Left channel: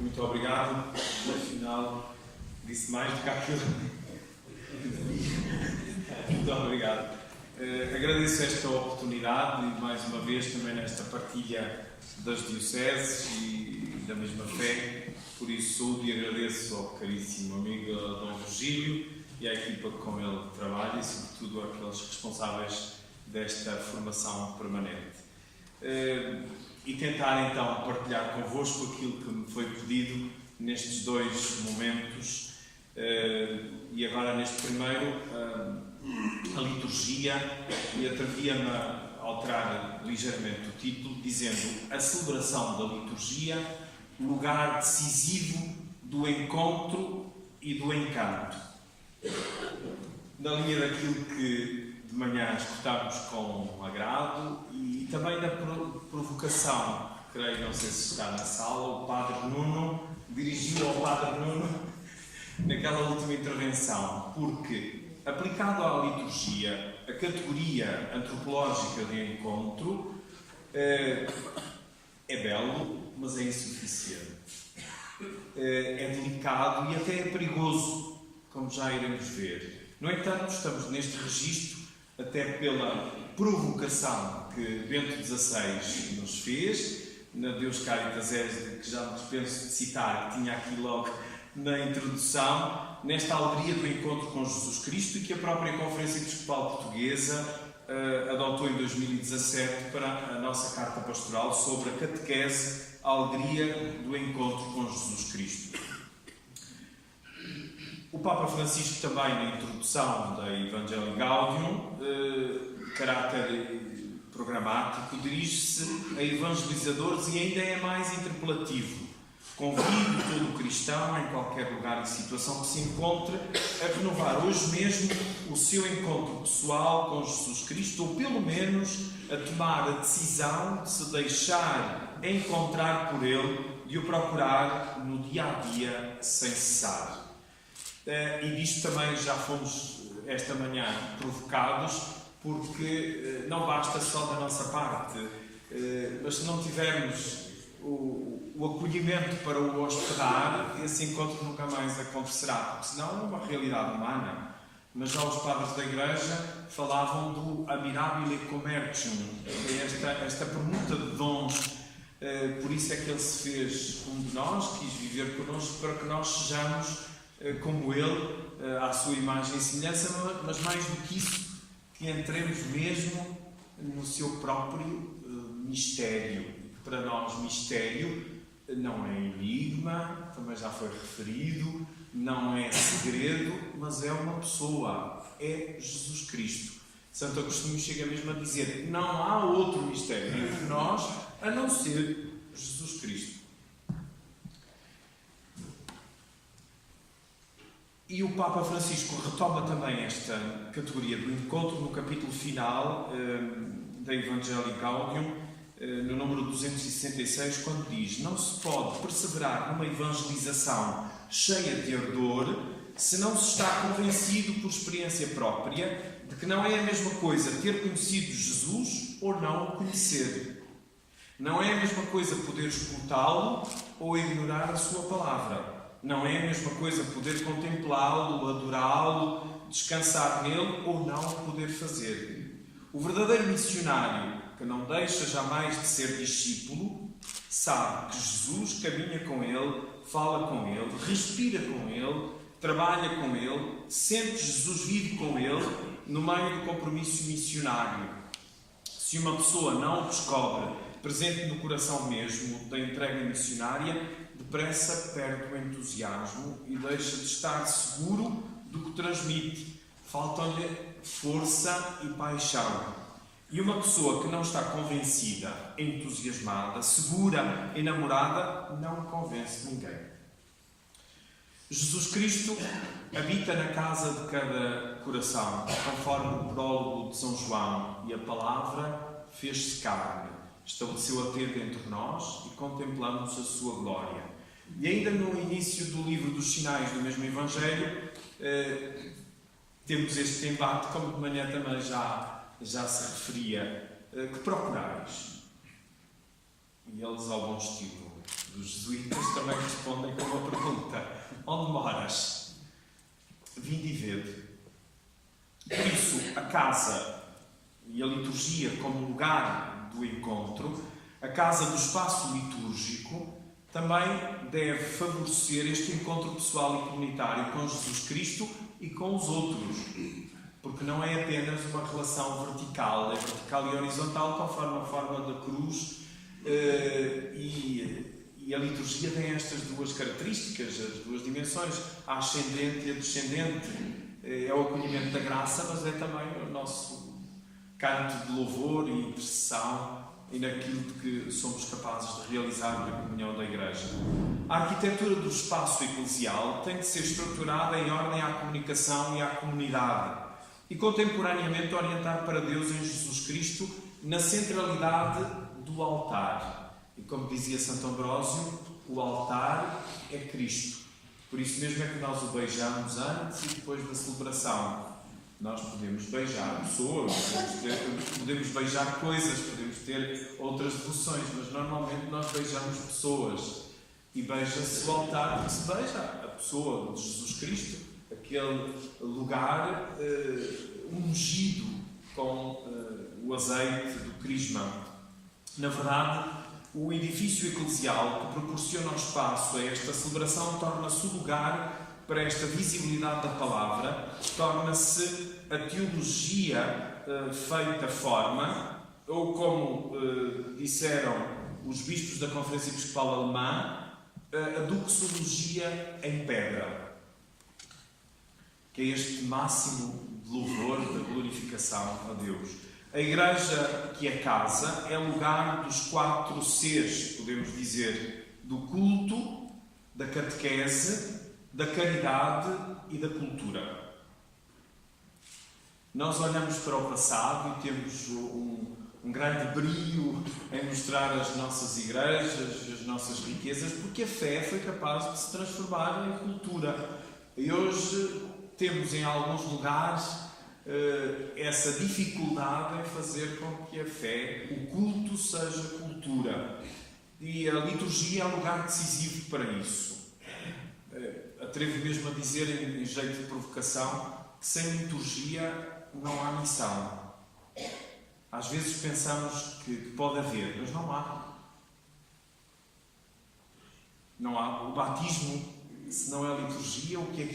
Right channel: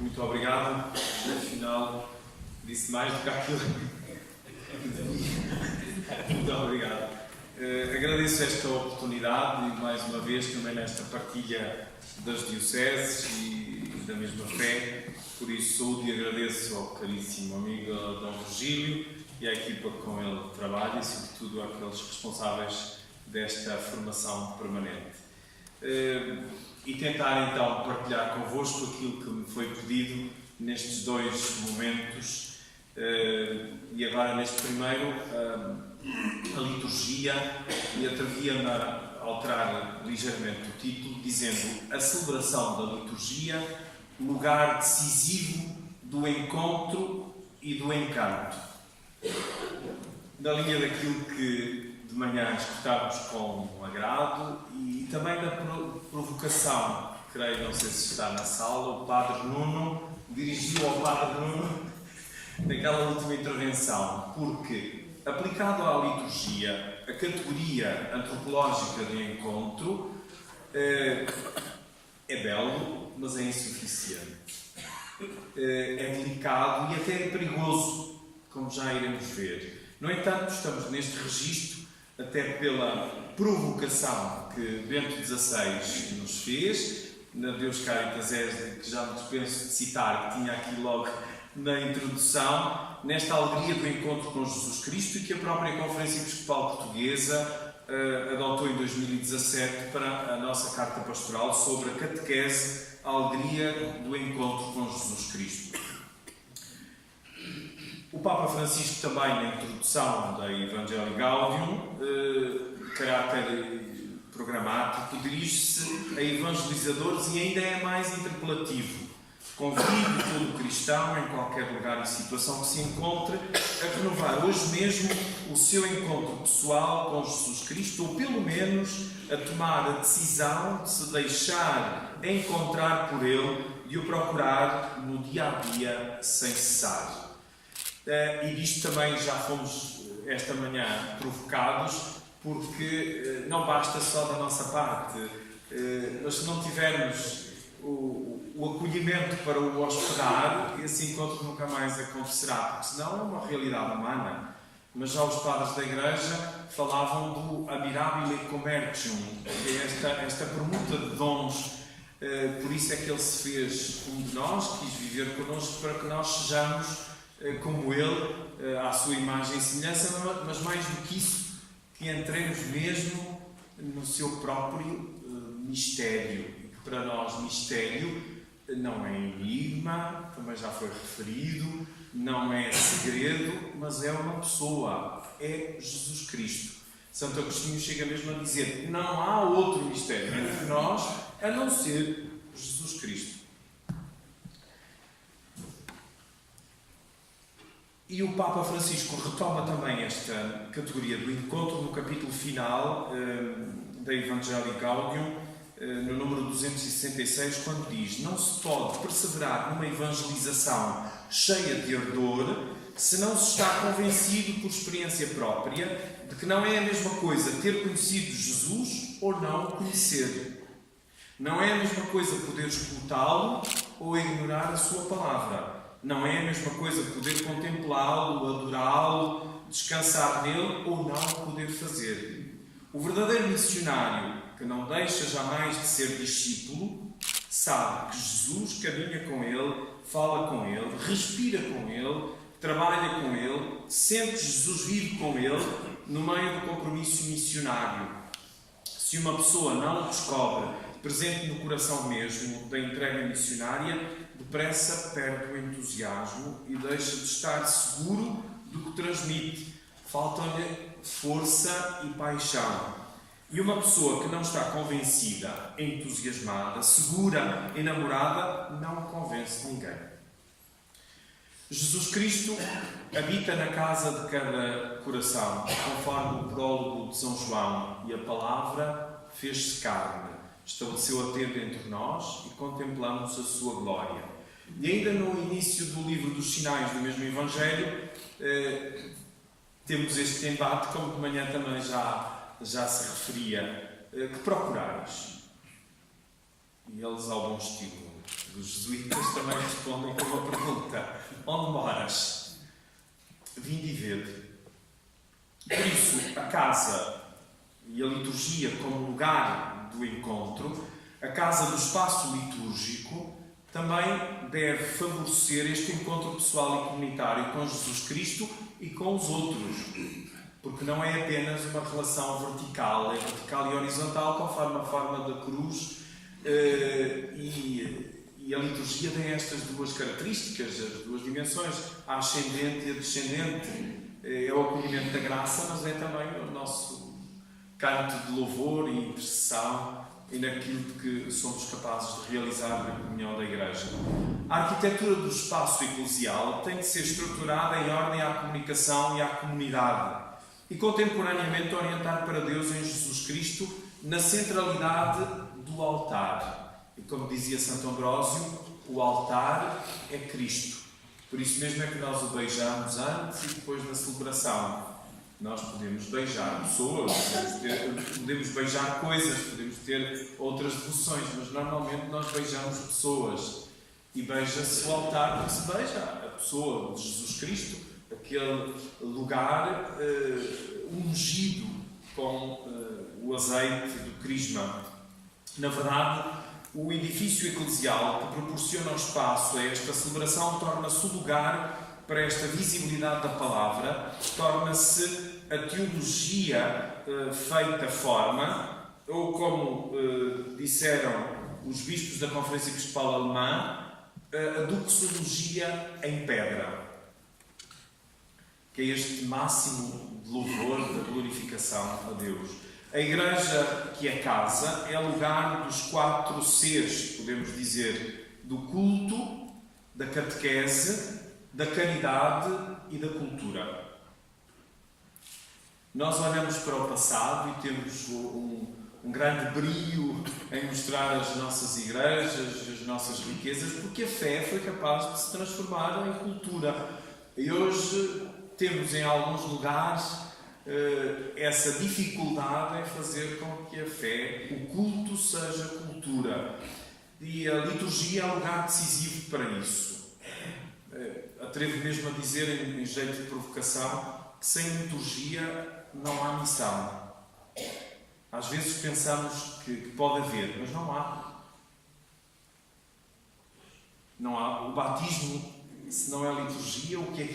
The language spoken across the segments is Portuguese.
Muito obrigado. Afinal, disse mais do que aquilo. Muito obrigado. Agradeço esta oportunidade e, mais uma vez, também nesta partilha das dioceses e da mesma fé. Por isso, saúde e agradeço ao caríssimo amigo Dom Virgílio e à equipa que com ele trabalha e, sobretudo, àqueles responsáveis desta formação permanente. E tentar, então, partilhar convosco aquilo que me foi pedido nestes dois momentos. E agora, neste primeiro, a liturgia, e atrevia-me a alterar ligeiramente o título, dizendo: a celebração da liturgia, lugar decisivo do encontro e do encanto. Na linha daquilo que de manhã escutámos com agrado e também da provocação, creio, não sei se está na sala, o Padre Nuno dirigiu ao Padre Nuno naquela última intervenção, porque, aplicado à liturgia, a categoria antropológica de encontro é belo, mas é insuficiente. É delicado e até é perigoso, como já iremos ver. No entanto, estamos neste registro, até pela provocação que Bento XVI nos fez, na Deus Caritas Est, que já me dispenso de citar, que tinha aqui logo na introdução, nesta alegria do encontro com Jesus Cristo, e que a própria Conferência Episcopal Portuguesa adotou em 2017 para a nossa Carta Pastoral sobre a catequese, a alegria do encontro com Jesus Cristo. O Papa Francisco também, na introdução da Evangelii Gaudium, caráter programático, dirige-se a evangelizadores e ainda é mais interpelativo. Convido todo cristão, em qualquer lugar e situação que se encontre, a renovar hoje mesmo o seu encontro pessoal com Jesus Cristo, ou pelo menos a tomar a decisão de se deixar encontrar por Ele e o procurar no dia-a-dia sem cessar. E disto também já fomos esta manhã provocados, porque não basta só da nossa parte, mas se não tivermos o acolhimento para o hospedar, esse encontro nunca mais acontecerá, porque senão é uma realidade humana. Mas já os padres da Igreja falavam do admirabile commercium, que é esta permuta de dons. Por isso é que ele se fez um de nós, quis viver connosco para que nós sejamos como ele, à sua imagem e semelhança, mas mais do que isso, que entremos mesmo no seu próprio mistério. E que para nós mistério não é enigma, também já foi referido, não é segredo, mas é uma pessoa, é Jesus Cristo. Santo Agostinho chega mesmo a dizer: não há outro mistério entre nós a não ser Jesus Cristo. E o Papa Francisco retoma também esta categoria do encontro no capítulo final da Evangelii Gaudium, no número 266, quando diz: não se pode perseverar numa evangelização cheia de ardor se não se está convencido por experiência própria de que não é a mesma coisa ter conhecido Jesus ou não o conhecer. Não é a mesma coisa poder escutá-lo ou ignorar a sua palavra. Não é a mesma coisa poder contemplá-lo, adorá-lo, descansar nele ou não poder fazer. O verdadeiro missionário, que não deixa jamais de ser discípulo, sabe que Jesus caminha com ele, fala com ele, respira com ele, trabalha com ele, sente Jesus vive com ele no meio do compromisso missionário. Se uma pessoa não o descobre presente no coração mesmo da entrega missionária, depressa perde o entusiasmo e deixa de estar seguro do que transmite. Faltam-lhe força e paixão. E uma pessoa que não está convencida, entusiasmada, segura, enamorada, não convence ninguém. Jesus Cristo habita na casa de cada coração, conforme o prólogo de São João, e a palavra fez-se carne, estabeleceu a tenda entre nós e contemplamos a sua glória. E ainda no início do livro dos Sinais do mesmo Evangelho, temos este embate, como de manhã também já se referia, que procurais. E eles, ao bom estilo, Os jesuítas também respondem com uma pergunta: onde moras? Vinde e vede. Por isso, a casa e a liturgia como lugar do encontro, a casa do espaço litúrgico, também deve favorecer este encontro pessoal e comunitário com Jesus Cristo e com os outros. Porque não é apenas uma relação vertical, é vertical e horizontal, conforme a forma da cruz, e a liturgia tem estas duas características, as duas dimensões, a ascendente e a descendente. É o acolhimento da graça, mas é também o nosso canto de louvor e intercessão e naquilo que somos capazes de realizar na comunhão da Igreja. A arquitetura do espaço eclesial tem de ser estruturada em ordem à comunicação e à comunidade e contemporaneamente orientar para Deus em Jesus Cristo na centralidade do altar. E como dizia Santo Ambrósio, o altar é Cristo. Por isso mesmo é que nós o beijamos antes e depois da celebração. Nós podemos beijar pessoas, podemos beijar coisas, podemos ter outras devoções, mas normalmente nós beijamos pessoas. E beija-se o altar porque se beija a pessoa de Jesus Cristo, aquele lugar ungido com o azeite do crisma. Na verdade, o edifício eclesial que proporciona o espaço a esta celebração torna-se o lugar para esta visibilidade da palavra, torna-se a teologia feita forma, ou como disseram os bispos da Conferência Episcopal Alemã, a doxologia em pedra, que é este máximo de louvor, da glorificação a Deus. A Igreja, que é casa, é lugar dos 4 Cs, podemos dizer, do culto, da catequese, da caridade e da cultura. Nós olhamos para o passado e temos um grande brio em mostrar as nossas igrejas, as nossas riquezas, porque a fé foi capaz de se transformar em cultura. E hoje temos em alguns lugares essa dificuldade em fazer com que a fé, o culto, seja cultura. E a liturgia é um lugar decisivo para isso. Atrevo mesmo a dizer, em jeito de provocação, que sem liturgia não há missão. Às vezes pensamos que pode haver, mas não há. Não há. O batismo, se não é liturgia, o que é?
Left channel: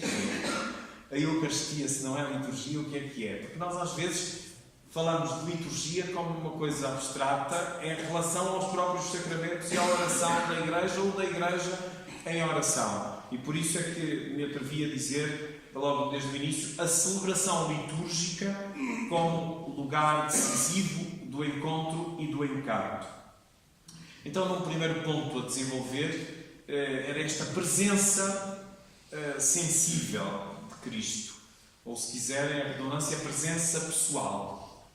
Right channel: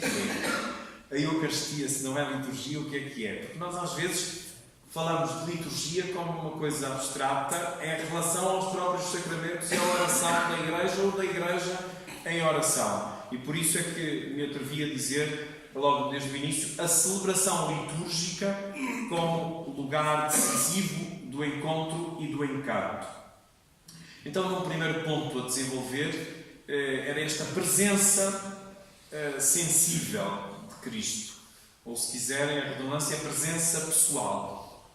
A Eucaristia, se não é liturgia, o que é? Porque nós às vezes falamos de liturgia como uma coisa abstrata em relação aos próprios sacramentos e à oração da Igreja ou da Igreja em oração. E por isso é que me atrevi a dizer, logo desde o início, a celebração litúrgica como lugar decisivo do encontro e do encanto. Então, num primeiro ponto a desenvolver, era esta presença sensível de Cristo, ou se quiserem a redundância, a presença pessoal,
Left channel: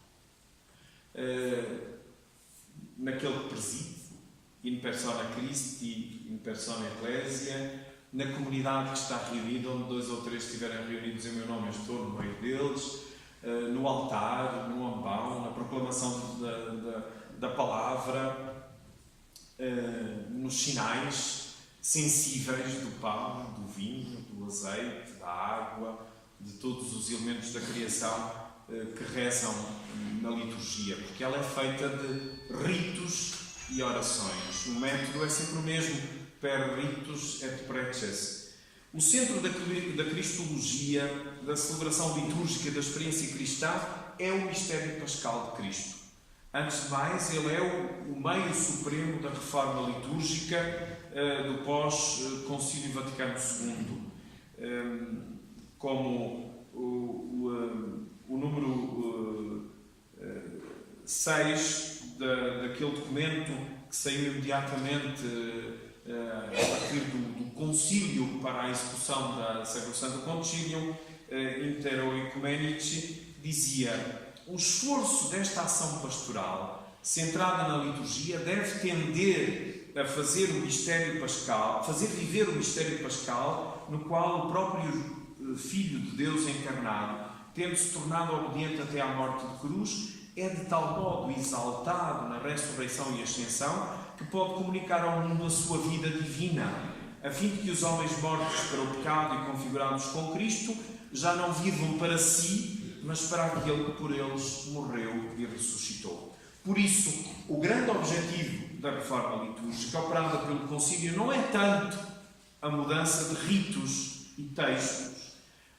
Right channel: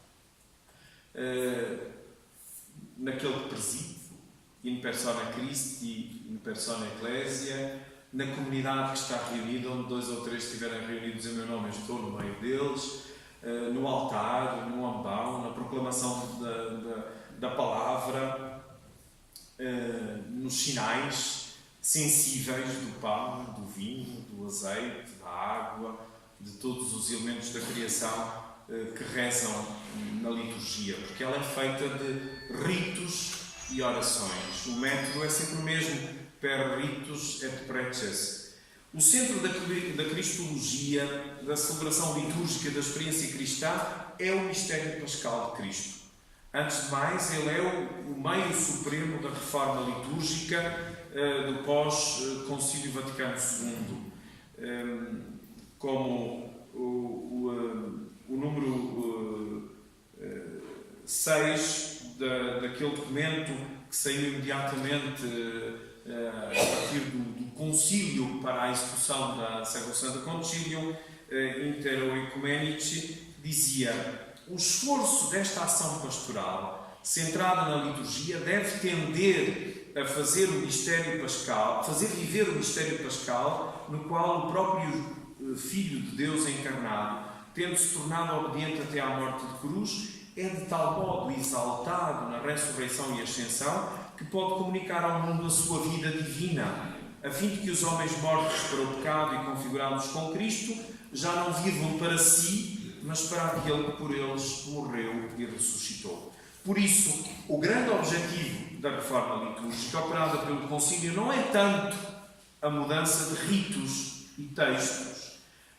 naquele que preside, in persona Christi, in persona Ecclesia, na comunidade que está reunida, onde 2 ou 3 estiverem reunidos em meu nome, eu estou no meio deles, no altar, no ambão, na proclamação da palavra, nos sinais sensíveis do pão, do vinho, do azeite, da água, de todos os elementos da criação que rezam na liturgia, porque ela é feita de ritos e orações. O método é sempre o mesmo, per ritus et preces. O centro da cristologia, da celebração litúrgica da experiência cristã, é o mistério pascal de Cristo. Antes de mais, ele é o meio supremo da reforma litúrgica do pós-Concílio Vaticano II. Como o número 6 daquele documento que saiu imediatamente a partir do concílio para a execução da Sacrosancta Concilium Intero Ecumenici, dizia: o esforço desta ação pastoral centrada na liturgia deve tender a fazer o mistério pascal, fazer viver o mistério pascal, no qual o próprio Filho de Deus encarnado, tendo-se tornado obediente até à morte de cruz, é de tal modo exaltado na ressurreição e ascensão que pode comunicar ao mundo a sua vida divina, a fim de que os homens mortos para o pecado e configurados com Cristo já não vivam para si, mas para aquele que por eles morreu e ressuscitou. Por isso, o grande objetivo da reforma litúrgica operada pelo Concílio não é tanto a mudança de ritos e textos,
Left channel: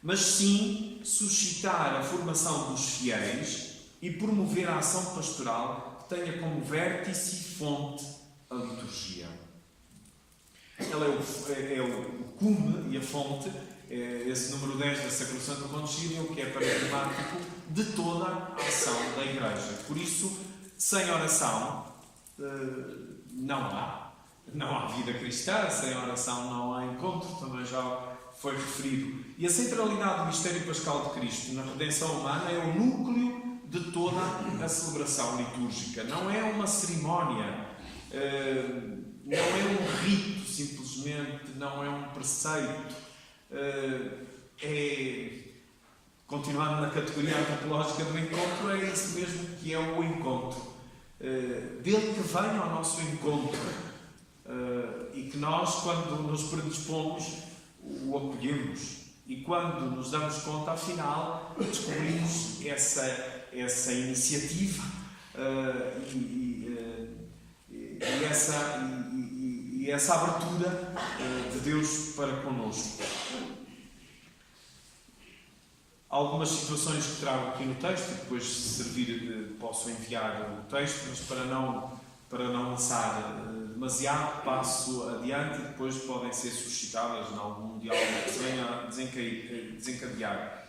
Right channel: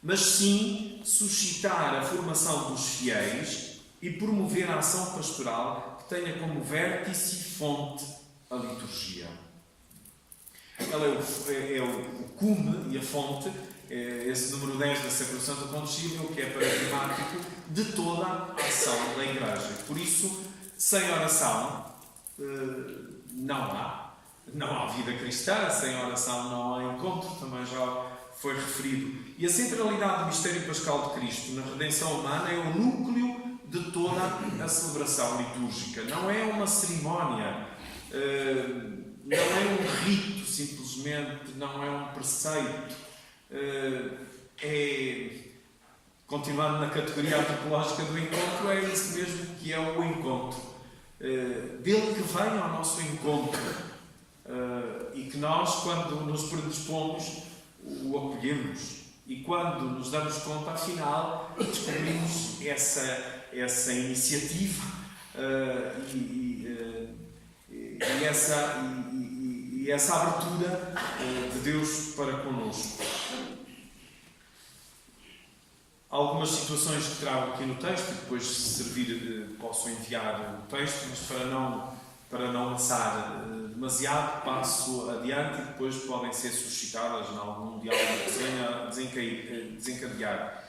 mas sim suscitar a formação dos fiéis e promover a ação pastoral que tenha como vértice e fonte a liturgia. Ela é o cume e a fonte, esse número 10 da Sacrosanto Concílio, que é paradigmático de toda a ação da Igreja. Por isso, sem oração não há vida cristã, sem oração não há encontro, também já foi referido. E a centralidade do mistério pascal de Cristo na redenção humana é o núcleo de toda a celebração litúrgica. Não é uma cerimónia, não é um rito, simplesmente, não é um preceito. Continuando na categoria antropológica do encontro, é isso mesmo que é o encontro. Dele que vem ao nosso encontro e que nós, quando nos predispomos, o acolhemos. E quando nos damos conta, afinal, descobrimos essa iniciativa e essa abertura de Deus para connosco. Algumas situações que trago aqui no texto, e depois, se servir, posso enviar o texto, mas para não lançar demasiado, passo adiante e depois podem ser suscitadas em algum diálogo que se venha a desencadear.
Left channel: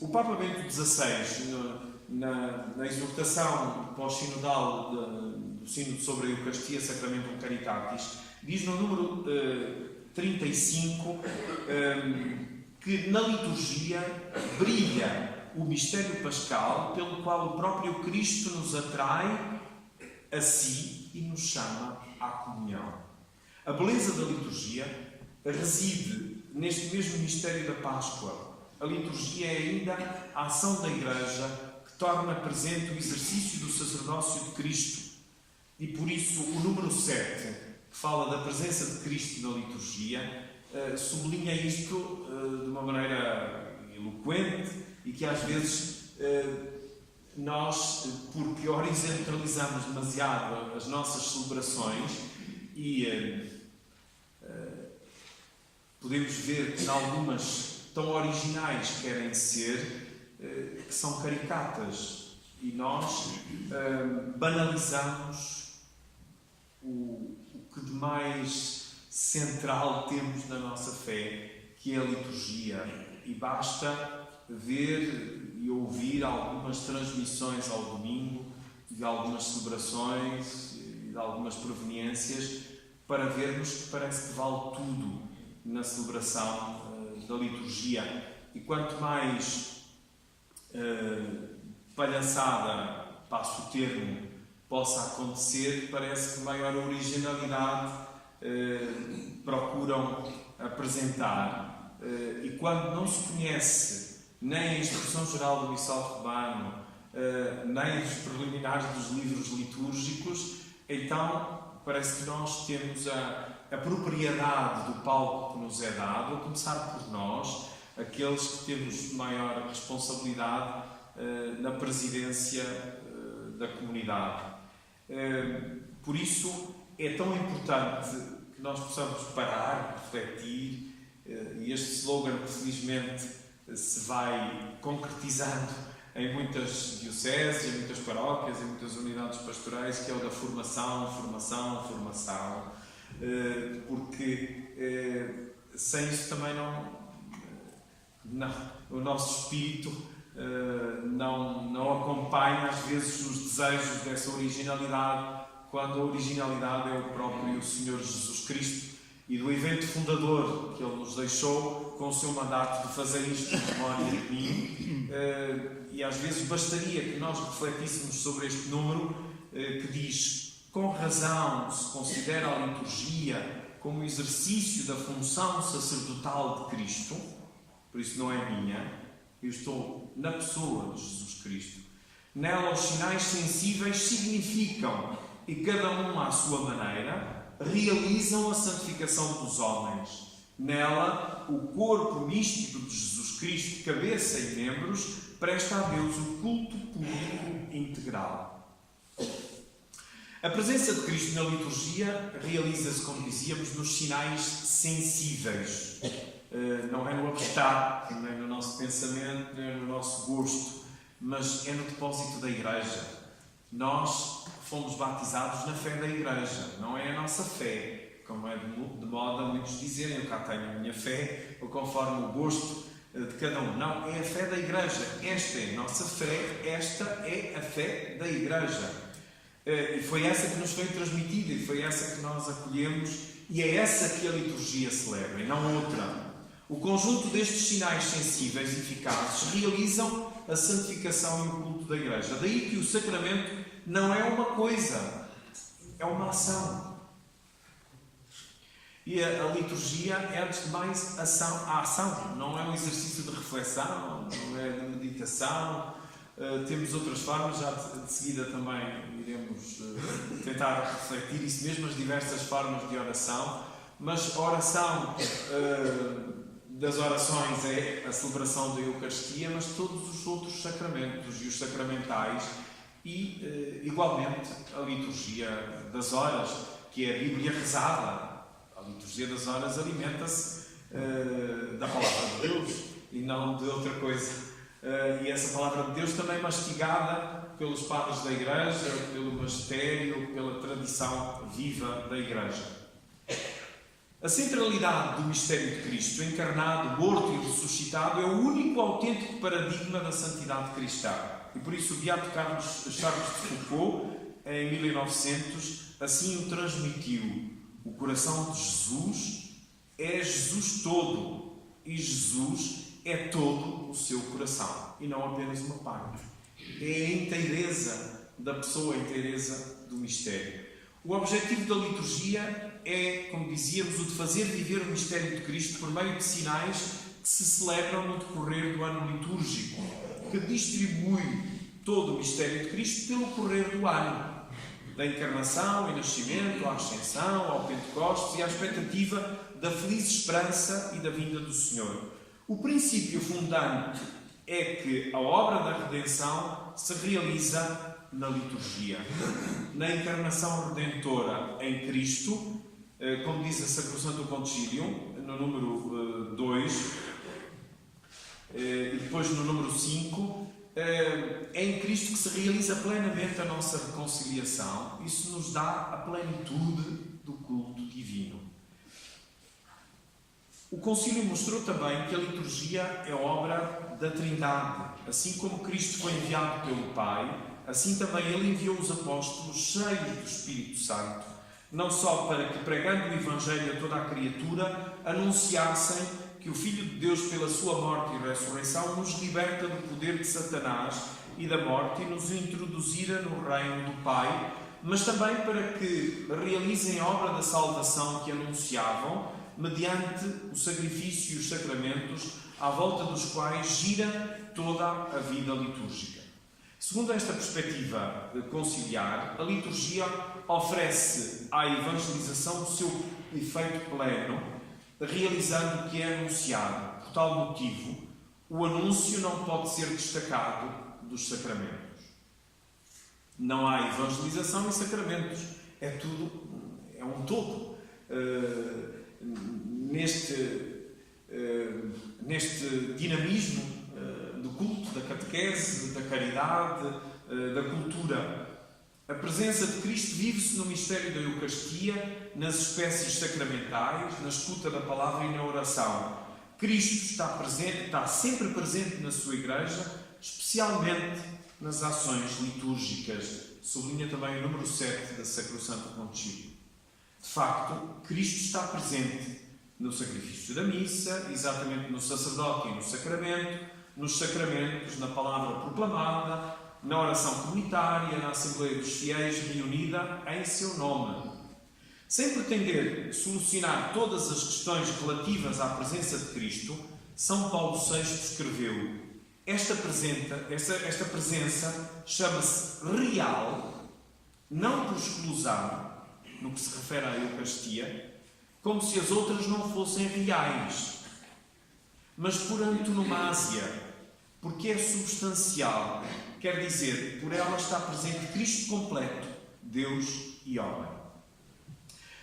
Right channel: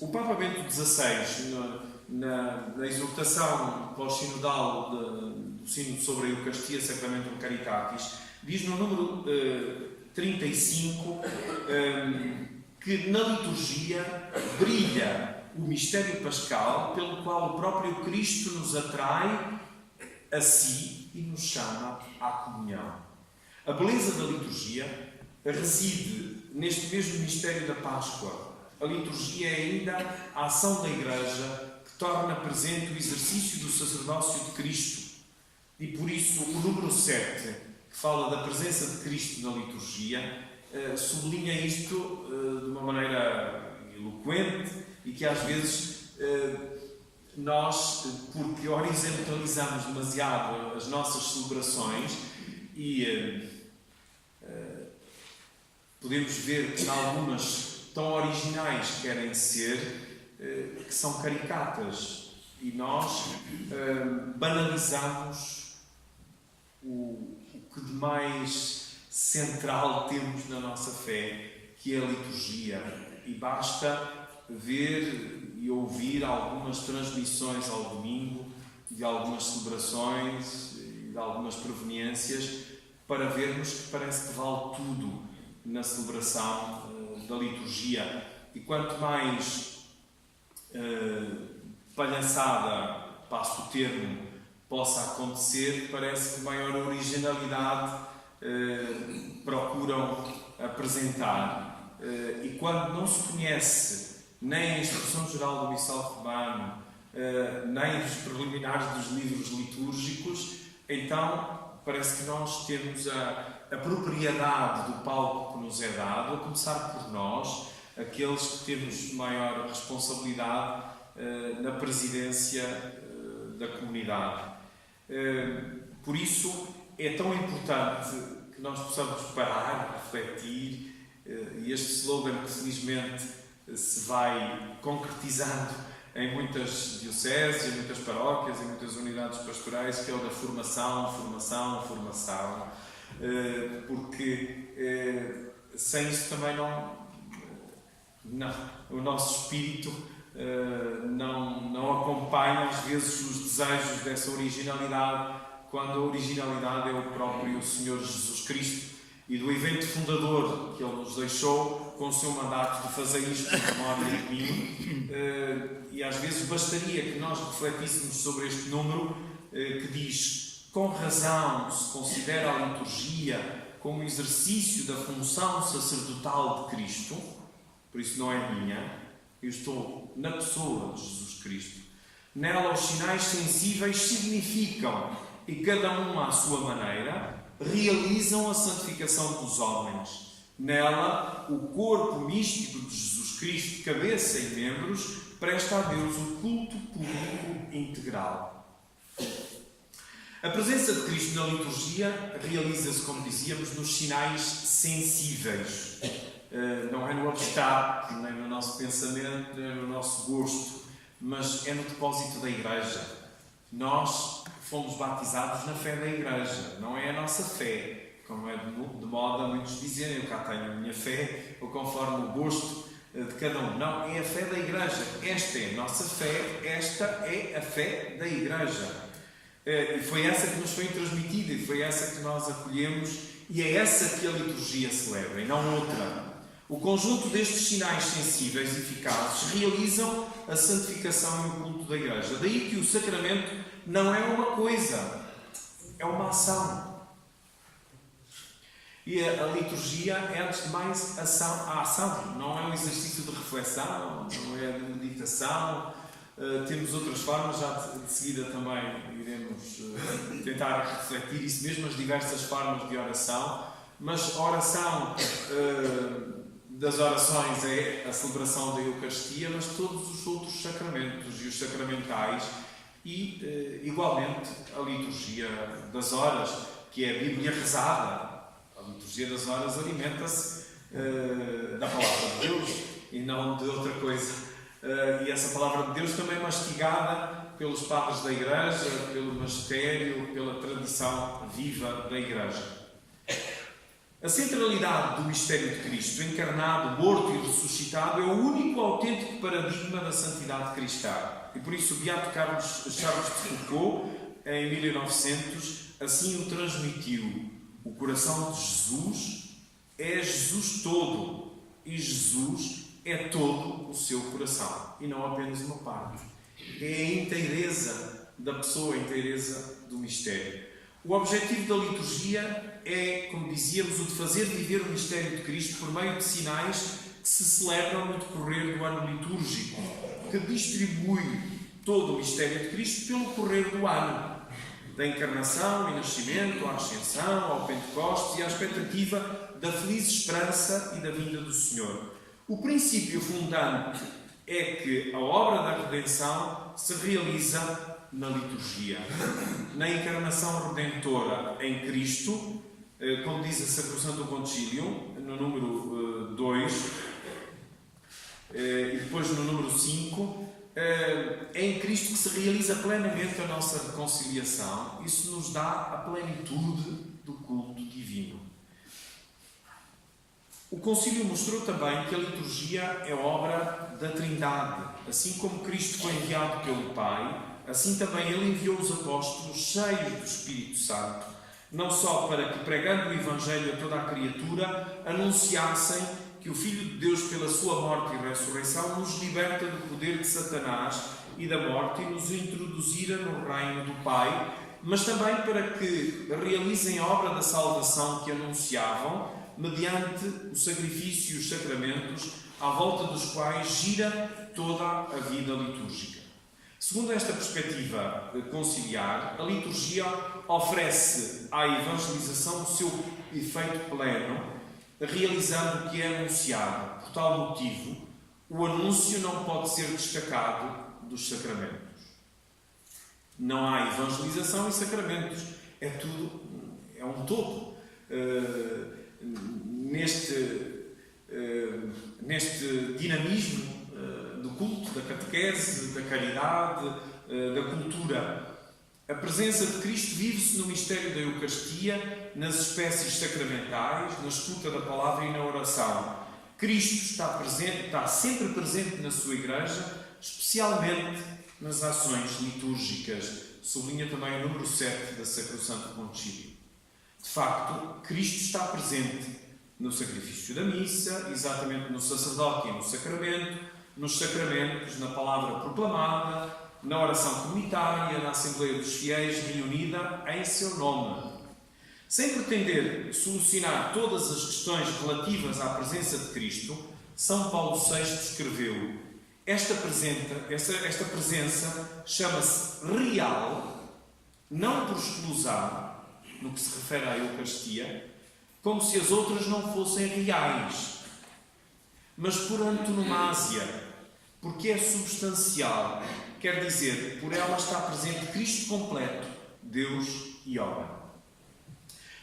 O Papa Bento XVI, na exortação pós-sinodal do Sínodo sobre a Eucaristia Sacramentum Caritatis, diz no número 35 que na liturgia brilha o mistério pascal pelo qual o próprio Cristo nos atrai a si e nos chama à comunhão. A beleza da liturgia reside neste mesmo mistério da Páscoa. A liturgia é ainda a ação da Igreja que torna presente o exercício do sacerdócio de Cristo. E por isso o número 7, que fala da presença de Cristo na liturgia, sublinha isto de uma maneira eloquente e que às vezes nós, porque horizontalizamos demasiado as nossas celebrações e podemos ver que algumas tão originais querem ser, que são caricatas, e nós banalizamos o que de mais central temos na nossa fé, que é a liturgia, e basta ver e ouvir algumas transmissões ao domingo de algumas celebrações e de algumas proveniências para vermos que parece que vale tudo na celebração da liturgia. E quanto mais palhaçada, passo o termo, possa acontecer, parece que maior originalidade procuram apresentar. E quando não se conhece nem a instrução geral do Missal Romano, nem os preliminares dos livros litúrgicos, então parece que nós temos a propriedade do palco que nos é dado, a começar por nós, aqueles que temos maior responsabilidade na presidência da comunidade. Por isso é tão importante que nós possamos parar, refletir, e este slogan que felizmente se vai concretizando em muitas dioceses, em muitas paróquias, em muitas unidades pastorais, que é o da formação, formação, formação, porque sem isso também o nosso espírito não acompanha às vezes os desejos dessa originalidade, quando a originalidade é o próprio Senhor Jesus Cristo e do evento fundador que Ele nos deixou com o seu mandato de fazer isto em memória de mim. E às vezes bastaria que nós refletíssemos sobre este número que diz: com razão se considera a liturgia como exercício da função sacerdotal de Cristo, por isso não é minha, eu estou na pessoa de Jesus Cristo. Nela os sinais sensíveis significam e cada um à sua maneira, realizam a santificação dos homens. Nela, o corpo místico de Jesus Cristo, cabeça e membros, presta a Deus o culto público integral. A presença de Cristo na liturgia realiza-se, como dizíamos, nos sinais sensíveis. Não é no abstrato, nem no nosso pensamento, nem no nosso gosto, mas é no depósito da Igreja. Nós fomos batizados na fé da Igreja, não é a nossa fé, como é de moda muitos dizerem, eu cá tenho a minha fé, ou conforme o gosto de cada um. Não, é a fé da Igreja. Esta é a nossa fé, esta é a fé da Igreja. E foi essa que nos foi transmitida, e foi essa que nós acolhemos, e é essa que a liturgia celebra, e não outra. O conjunto destes sinais sensíveis e eficazes realizam a santificação e o culto da Igreja. Daí que o sacramento não é uma coisa, é uma ação. E a liturgia é, antes de mais, a ação. Não é um exercício de reflexão, não é de meditação. Temos outras formas, já de seguida também iremos tentar refletir isso mesmo, as diversas formas de oração. Mas a oração das orações é a celebração da Eucaristia, mas todos os outros sacramentos e os sacramentais e, igualmente, a liturgia das horas, que é a Bíblia rezada. A liturgia das horas alimenta-se da Palavra de Deus e não de outra coisa. E essa Palavra de Deus também mastigada pelos padres da Igreja, pelo magistério, pela tradição viva da Igreja. A centralidade do mistério de Cristo, encarnado, morto e ressuscitado, é o único autêntico paradigma da santidade cristã. E por isso o beato Charles de Foucault, em 1900, assim o transmitiu. O coração de Jesus é Jesus todo, e Jesus é todo o seu coração, e não apenas uma parte. É a inteireza da pessoa, a inteireza do mistério. O objetivo da liturgia é, como dizíamos, o de fazer viver o mistério de Cristo por meio de sinais que se celebram no decorrer do ano litúrgico, que distribui todo o mistério de Cristo pelo correr do ano, da encarnação e nascimento, à ascensão, ao Pentecostes e à expectativa da feliz esperança e da vinda do Senhor. O princípio fundante é que a obra da redenção se realiza na liturgia, na encarnação redentora em Cristo, como diz a Sacrosanto Concilium, no número 2, e depois no número 5, é em Cristo que se realiza plenamente a nossa reconciliação. Isso nos dá a plenitude do culto divino. O Concílio mostrou também que a liturgia é obra da Trindade. Assim como Cristo foi enviado pelo Pai, assim também Ele enviou os apóstolos cheios do Espírito Santo, não só para que, pregando o Evangelho a toda a criatura, anunciassem que o Filho de Deus, pela sua morte e ressurreição, nos liberta do poder de Satanás e da morte e nos introduzira no reino do Pai, mas também para que realizem a obra da salvação que anunciavam, mediante o sacrifício e os sacramentos, à volta dos quais gira toda a vida litúrgica. Segundo esta perspectiva conciliar, a liturgia oferece à evangelização o seu efeito pleno, realizando o que é anunciado. Por tal motivo, o anúncio não pode ser destacado dos sacramentos. Não há evangelização e sacramentos. É tudo, é um todo. Neste dinamismo do culto, da catequese, da caridade, da cultura. A presença de Cristo vive-se no mistério da Eucaristia, nas espécies sacramentais, na escuta da palavra e na oração. Cristo está sempre presente na sua Igreja, especialmente nas ações litúrgicas. Sublinha também o número 7 da Sacrosanto Concílio. De facto, Cristo está presente no sacrifício da missa, exatamente no sacerdote e no sacramento, nos sacramentos, na palavra proclamada, na oração comunitária, na Assembleia dos Fiéis reunida em seu nome. Sem pretender solucionar todas as questões relativas à presença de Cristo, São Paulo VI escreveu: esta presença chama-se real não por exclusão, no que se refere à Eucaristia, como se as outras não fossem reais, mas por antonomasia, porque é substancial, quer dizer, por ela está presente Cristo completo, Deus e homem.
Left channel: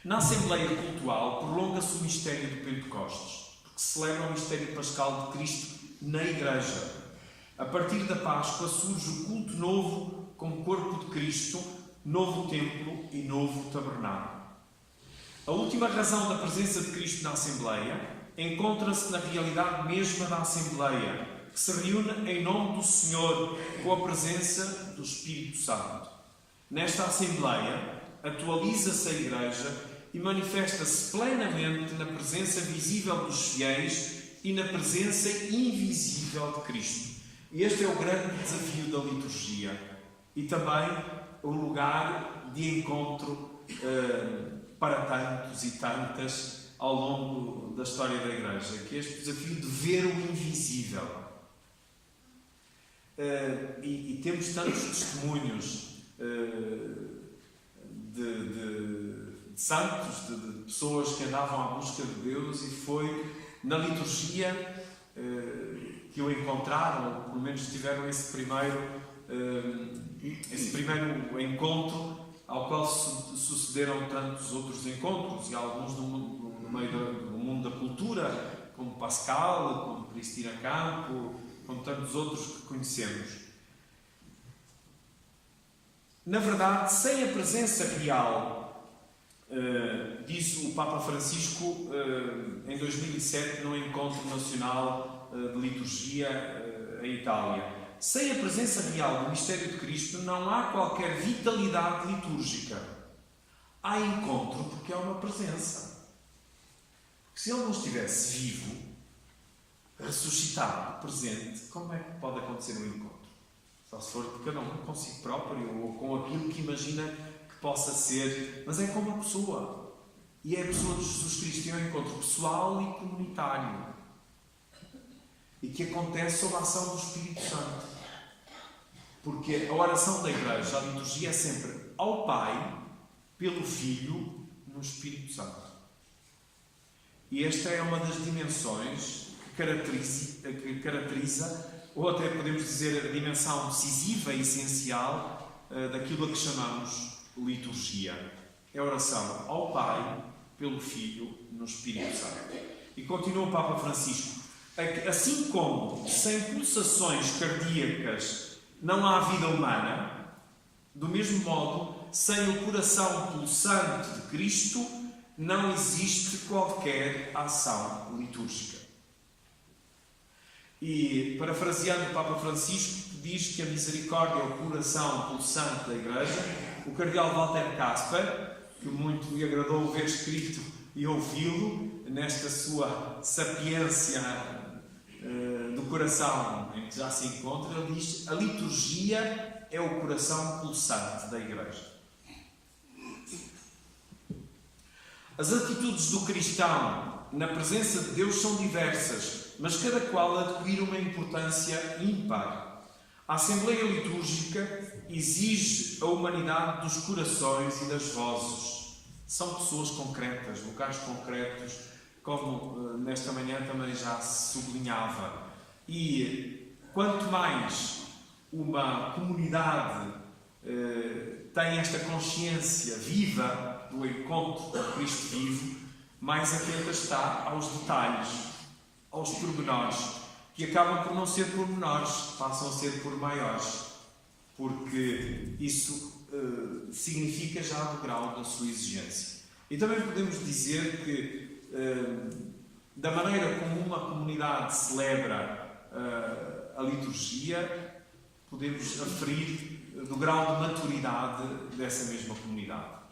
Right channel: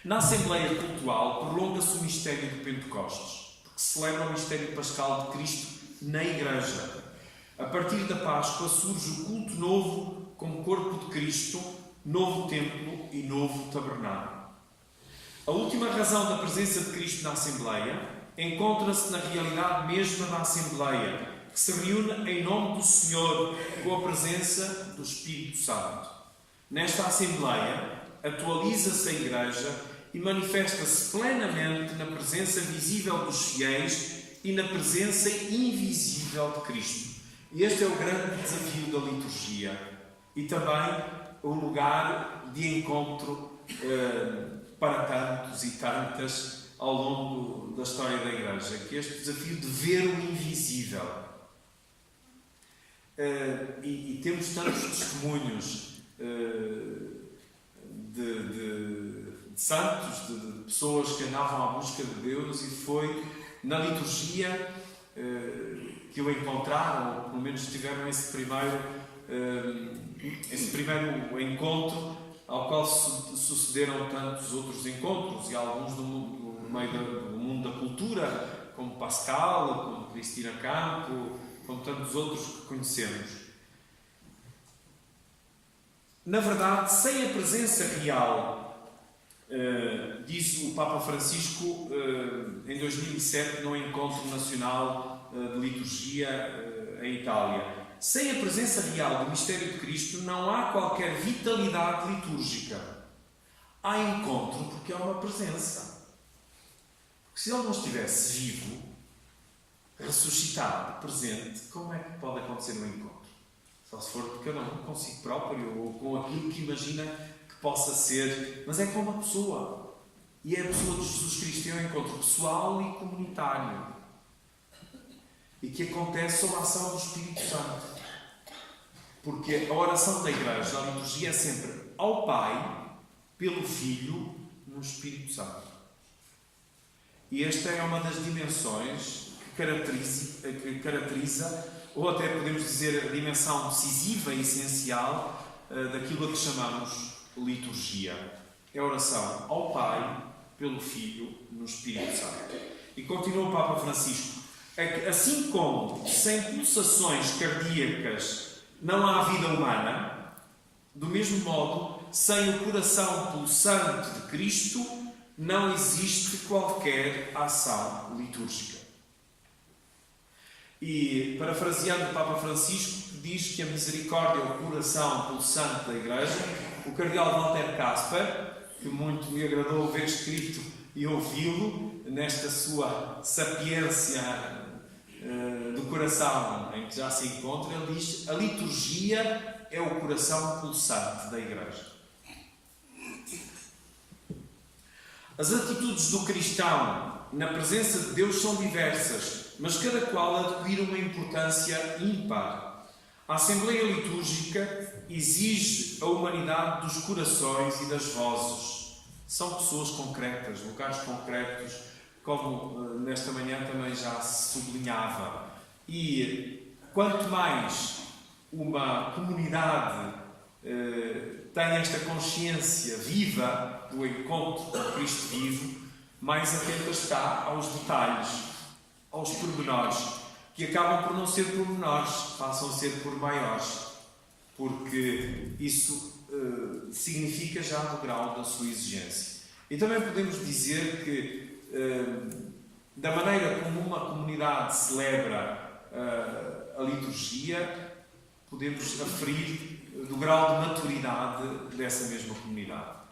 Na Assembleia Cultual prolonga-se o mistério do Pentecostes, porque celebra o mistério pascal de Cristo na Igreja. A partir da Páscoa surge o culto novo como corpo de Cristo, novo templo e novo tabernáculo. A última razão da presença de Cristo na Assembleia encontra-se na realidade mesma da Assembleia, que se reúne em nome do Senhor com a presença do Espírito Santo. Nesta Assembleia, atualiza-se a Igreja e manifesta-se plenamente na presença visível dos fiéis e na presença invisível de Cristo. E este é o grande desafio da liturgia e também o lugar de encontro para tantos e tantas ao longo da história da Igreja, que é este desafio de ver o invisível. E temos tantos testemunhos de santos, de pessoas que andavam à busca de Deus, e foi na liturgia que o encontraram, ou pelo menos tiveram esse primeiro encontro, ao qual sucederam tantos outros encontros, e alguns no meio do mundo da cultura, como Pascal, como Cristina Campo, como tantos outros que conhecemos. Na verdade, sem a presença real, diz o Papa Francisco em 2007 no Encontro Nacional de Liturgia em Itália, sem a presença real do mistério de Cristo não há qualquer vitalidade litúrgica. Há encontro porque há uma presença. Porque se ele não estivesse vivo, ressuscitado, presente, como é que pode acontecer um encontro? Só se for de cada um consigo próprio ou com aquilo que imagina que possa ser. Mas é com uma pessoa. E é a pessoa de Jesus Cristo. É um encontro pessoal e comunitário. E que acontece sob a ação do Espírito Santo. Porque a oração da Igreja, a liturgia, é sempre ao Pai, pelo Filho, no Espírito Santo. E esta é uma das dimensões que caracteriza, ou até podemos dizer, a dimensão decisiva e essencial daquilo a que chamamos liturgia. É a oração ao Pai, pelo Filho, no Espírito Santo. E continua o Papa Francisco. Assim como sem pulsações cardíacas não há vida humana, do mesmo modo, sem o coração pulsante de Cristo, não existe qualquer ação litúrgica. E, parafraseando o Papa Francisco, que diz que a misericórdia é o coração pulsante da Igreja, o cardeal Walter Kasper, que muito me agradou ver escrito e ouvi-lo, nesta sua sapiência do coração em que já se encontra, ele diz: a liturgia é o coração pulsante da Igreja. As atitudes do cristão na presença de Deus são diversas, mas cada qual adquire uma importância ímpar. A Assembleia Litúrgica exige a humanidade dos corações e das vozes. São pessoas concretas, lugares concretos, como nesta manhã também já se sublinhava. E quanto mais uma comunidade tem esta consciência viva do encontro com Cristo vivo, mais atenta está aos detalhes, aos pormenores, que acabam por não ser pormenores, passam a ser por maiores, porque isso significa já do grau da sua exigência. E também podemos dizer que da maneira como uma comunidade celebra a liturgia, podemos aferir do grau de maturidade dessa mesma comunidade.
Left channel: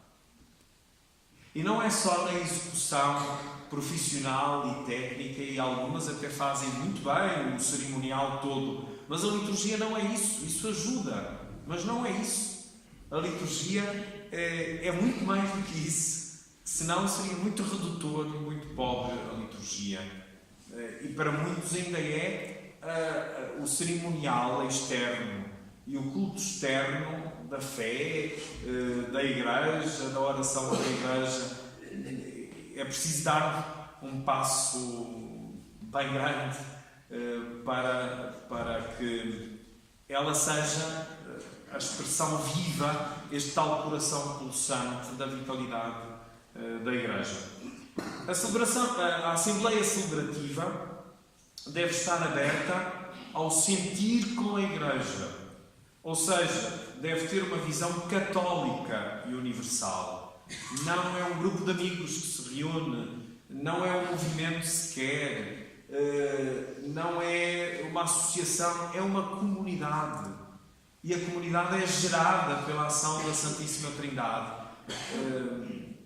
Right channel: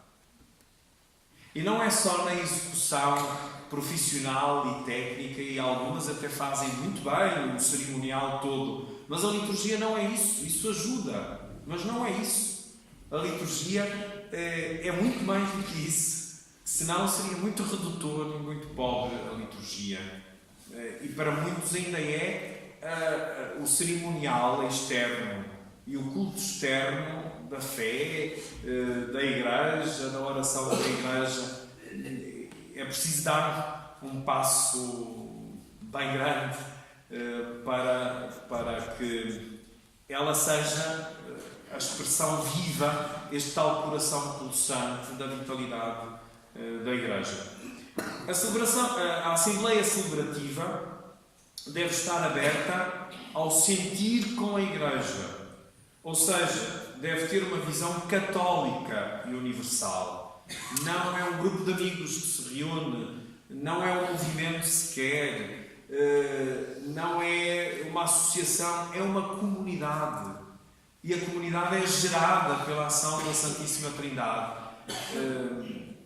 E não é só na execução profissional e técnica, e algumas até fazem muito bem o cerimonial todo, mas a liturgia não é isso. Isso ajuda, mas não é isso. A liturgia é muito mais do que isso. Senão seria muito redutor e muito pobre a liturgia. E para muitos ainda é o cerimonial externo e o culto externo da fé, da Igreja, da oração da Igreja. É preciso dar um passo bem grande para que ela seja a expressão viva, este tal coração pulsante da vitalidade da Igreja. A Assembleia Celebrativa deve estar aberta ao sentir com a Igreja, ou seja, deve ter uma visão católica e universal. Não é um grupo de amigos que se reúne, não é um movimento sequer, não é uma associação, é uma comunidade. E a comunidade é gerada pela ação da Santíssima Trindade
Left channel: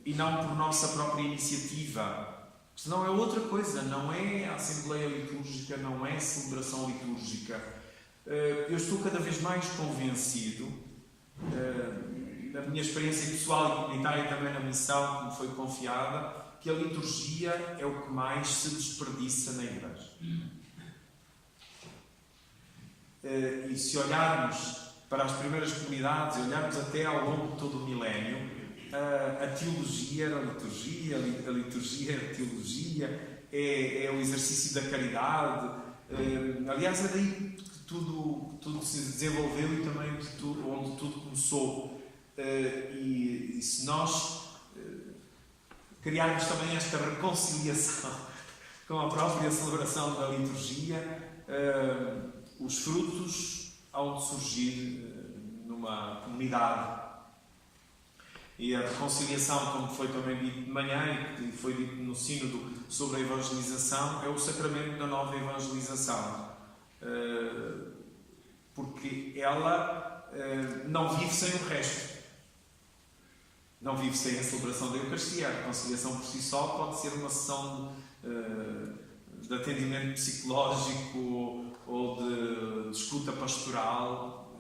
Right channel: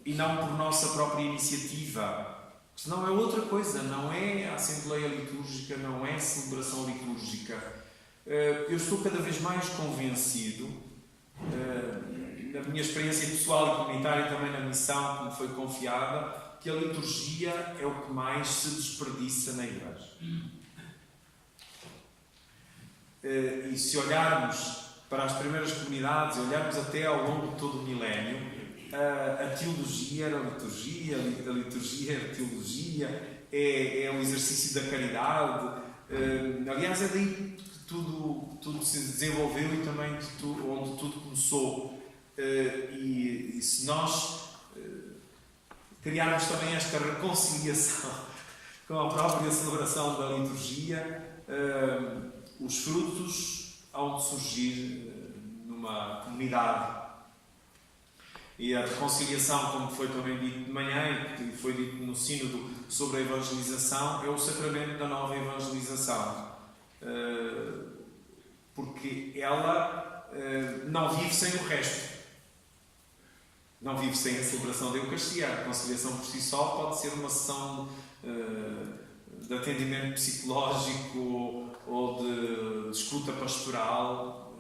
e não por nossa própria iniciativa. Senão é outra coisa, não é a Assembleia Litúrgica, não é a celebração litúrgica. Eu estou cada vez mais convencido, na minha experiência pessoal e comunitária e também na missão que me foi confiada, que a liturgia é o que mais se desperdiça na Igreja. E se olharmos para as primeiras comunidades, e olharmos até ao longo de todo o milénio, a teologia era a liturgia, a liturgia era a teologia, é o exercício da caridade. Aliás, é daí que tudo se desenvolveu e também onde tudo começou. E se nós criarmos também esta reconciliação com a própria celebração da liturgia, os frutos hão de surgir numa comunidade. E a reconciliação, como foi também dito de manhã e foi dito no sínodo sobre a evangelização, é o sacramento da nova evangelização. Porque ela não vive sem o resto. Não vive sem a celebração da Eucaristia. A reconciliação por si só pode ser uma sessão de atendimento psicológico ou de escuta pastoral,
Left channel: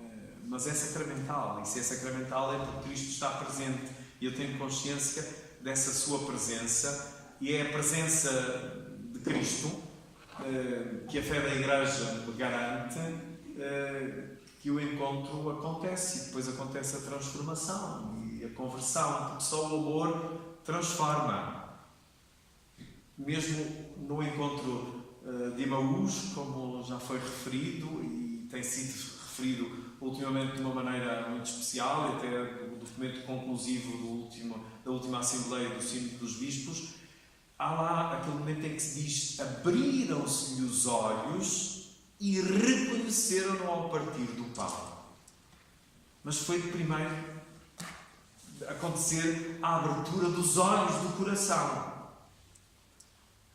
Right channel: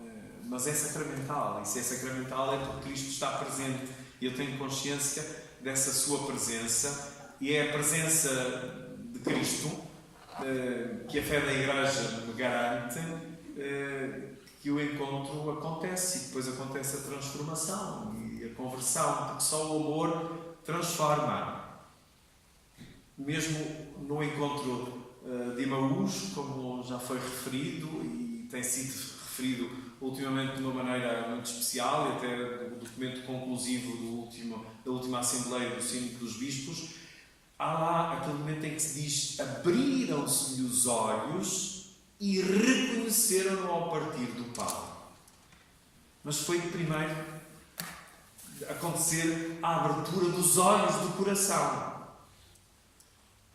mas é sacramental. E se é sacramental é porque Cristo está presente. E eu tenho consciência dessa sua presença, e é a presença de Cristo que a fé da Igreja me garante que o encontro acontece, e depois acontece a transformação e a conversão, porque só o amor transforma. Mesmo no encontro de Emaús, como já foi referido e tem sido referido ultimamente de uma maneira muito especial, e até no documento conclusivo da última Assembleia do Sínodo dos Bispos, há lá aquele momento em que se diz: abriram-se-lhe os olhos e reconheceram-no ao partir do pão. Mas foi primeiro acontecer a abertura dos olhos do coração,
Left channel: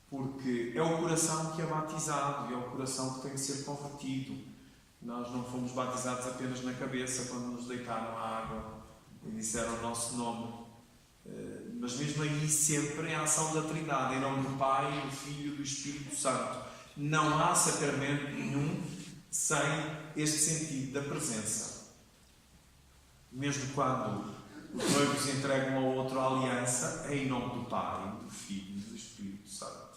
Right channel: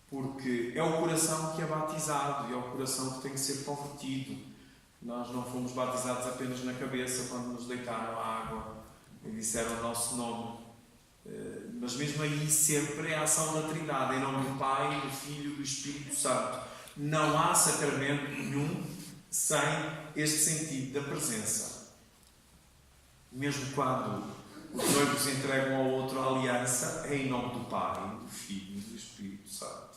porque é o coração que é batizado e é o coração que tem que ser convertido. Nós não fomos batizados apenas na cabeça quando nos deitaram à água e disseram o nosso nome, mas mesmo aí sempre é a ação da Trindade, em nome do Pai, do Filho e do Espírito Santo. Não há sacramento nenhum sem este sentido da presença. Mesmo quando os noivos entregam ao outro a aliança, é em nome do Pai, do Filho e do Espírito Santo.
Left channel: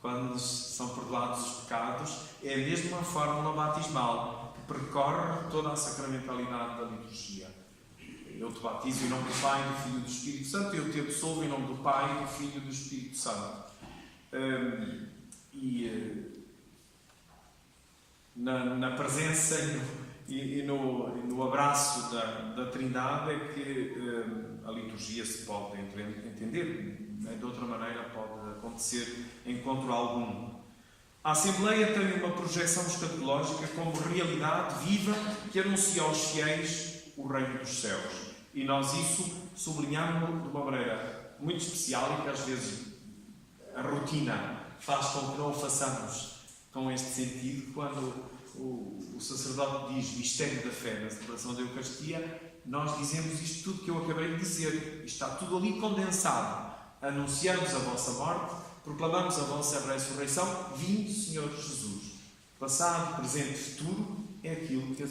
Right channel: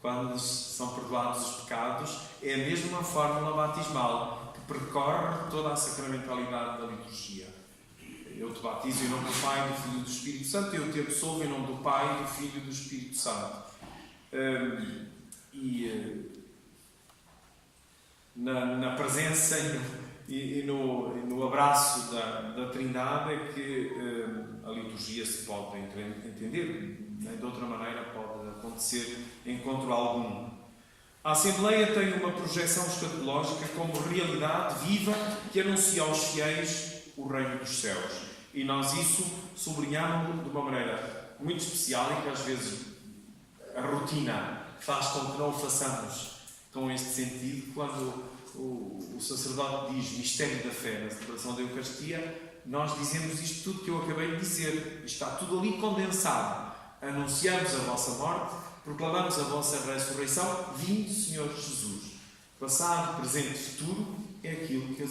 Quando são perdoados os pecados, é a mesma fórmula batismal que percorre toda a sacramentalidade da liturgia. Eu te batizo em nome do Pai, do Filho e do Espírito Santo, eu te absolvo em nome do Pai, do Filho e do Espírito Santo. Na presença e no abraço da Trindade é que a liturgia se pode entender. De outra maneira pode acontecer encontro algum. A Assembleia tem uma projeção escatológica como realidade viva que anuncia aos fiéis o reino dos céus. E nós isso sublinhamos de uma maneira muito especial, e que às vezes a rotina faz com que não o façamos com este sentido. Quando o sacerdote diz mistério da fé na celebração da Eucaristia, nós dizemos isto tudo que eu acabei de dizer. Está tudo ali condensado. Anunciamos a vossa morte, proclamamos a vossa ressurreição, vindo, Senhor Jesus. Passado, presente e futuro é aquilo que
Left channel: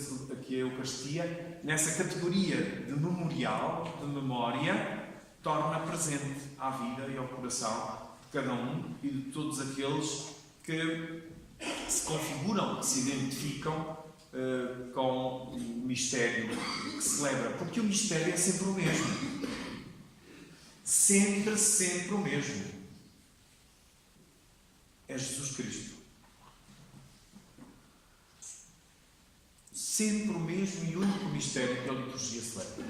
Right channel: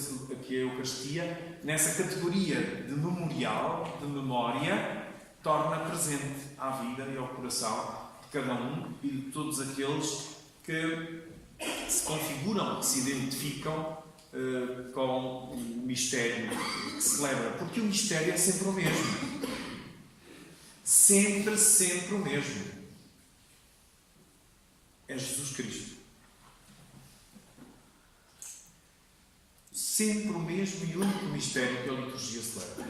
a Eucaristia, nessa categoria de memorial, de memória, torna presente à vida e ao coração de cada um e de todos aqueles que se configuram, que se identificam com o mistério que celebra, porque o mistério é sempre o mesmo. Sempre o mesmo. É Jesus Cristo. Sempre o mesmo e único mistério que a liturgia celebra.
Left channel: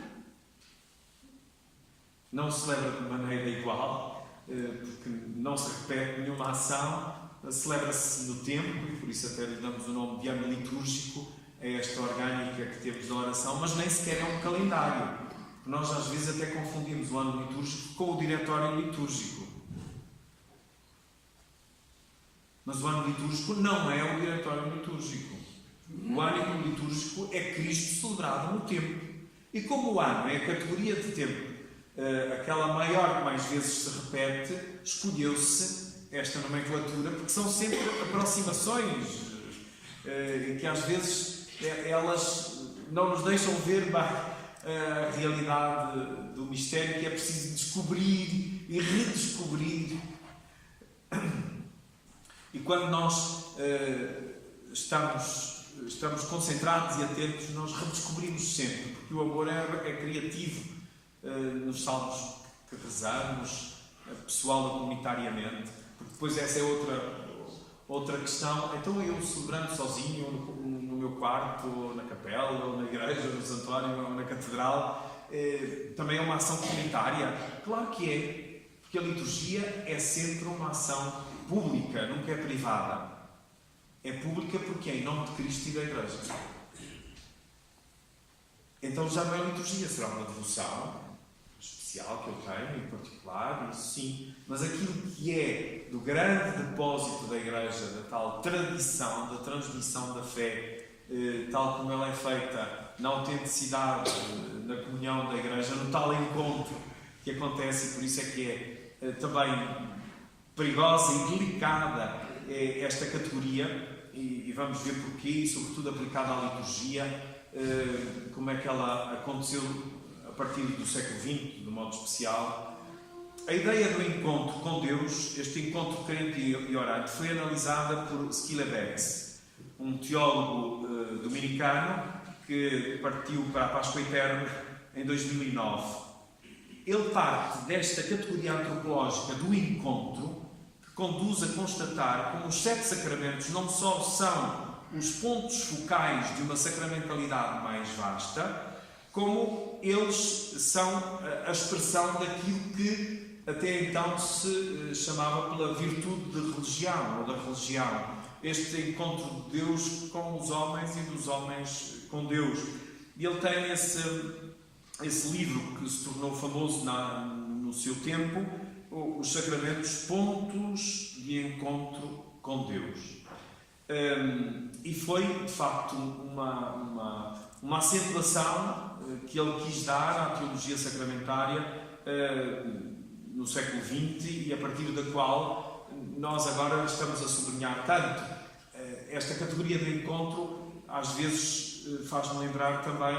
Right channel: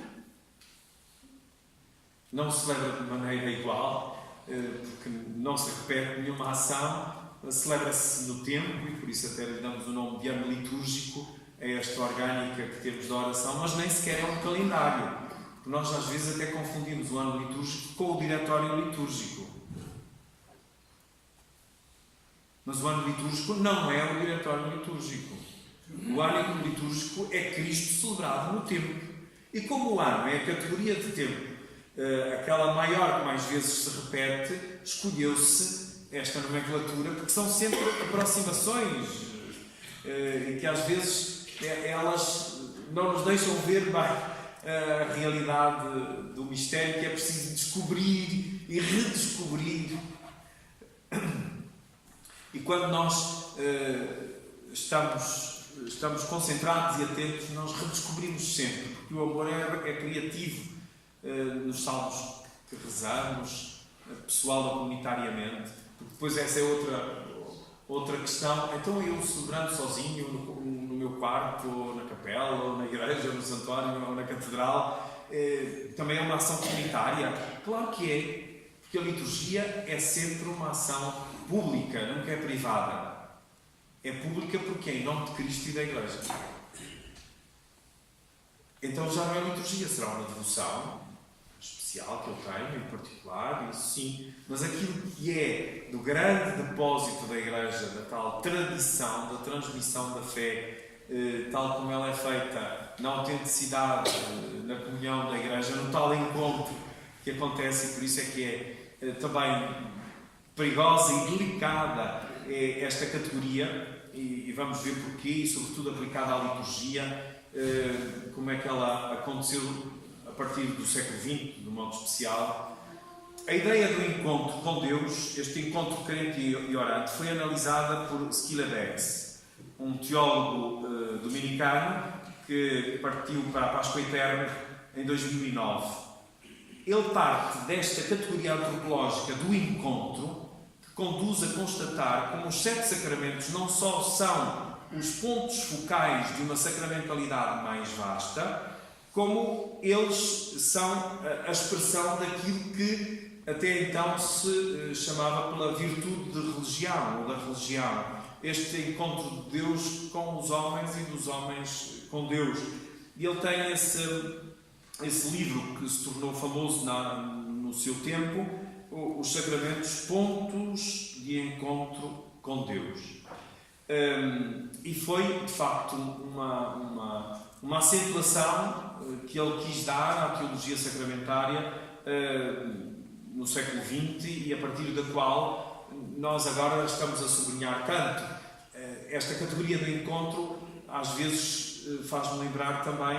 Não se celebra de maneira igual, porque não se repete nenhuma ação, celebra-se no tempo, e por isso até lhe damos o nome de ano litúrgico a esta orgânica que temos da oração, mas nem sequer é um calendário. Nós às vezes até confundimos o ano litúrgico com o diretório litúrgico. Mas o ano litúrgico não é o diretório litúrgico. O ano litúrgico é Cristo celebrado no tempo. E como o ano é a categoria de tempo, aquela maior que mais vezes se repete, escolheu-se esta nomenclatura, porque são sempre aproximações que às vezes elas não nos deixam ver bem a realidade do mistério que é preciso descobrir e redescobrir. E quando nós estamos concentrados e atentos, nós redescobrimos sempre, porque o amor é criativo nos salmos que rezamos, pessoal e comunitariamente, porque depois essa é outra questão. Então eu celebrando sozinho no meu quarto, ou na capela, ou na igreja, ou no santuário, ou na catedral, também é uma ação comunitária? Claro que é, porque a liturgia é sempre uma ação pública, nunca é privada. É pública porque é em nome de Cristo e da Igreja. Então já não é liturgia, será uma devoção especial que eu tenho, em particular, isso sim. Mas aquilo que é do grande depósito da Igreja, da tal tradição, da transmissão da fé, tal como ela é feita na autenticidade, na comunhão da Igreja, no tal encontro que acontece, e por isso é que é também perigosa e delicada esta categoria, e vamos ver porquê, e sobretudo aplicada à liturgia, como é que ela aconteceu a partir do século XX, de modo especial. A ideia do encontro com Deus, este encontro crente e orante, foi analisada por Skylla-Beggs, um teólogo dominicano que partiu para a Páscoa Eterna em 2009. Ele parte desta categoria antropológica do encontro, que conduz a constatar como os 7 sacramentos não só são os pontos focais de uma sacramentalidade mais vasta, como eles são a expressão daquilo que até então se chamava pela virtude de religião, ou da religião. Este encontro de Deus com os homens e dos homens com Deus. E ele tem esse livro que se tornou famoso no seu tempo, os Sacramentos, Pontos de Encontro com Deus. E foi, de facto, uma acentuação que ele quis dar à teologia sacramentária no século XX, e a partir da qual nós agora estamos a sublinhar tanto. Esta categoria do encontro às vezes faz-me lembrar também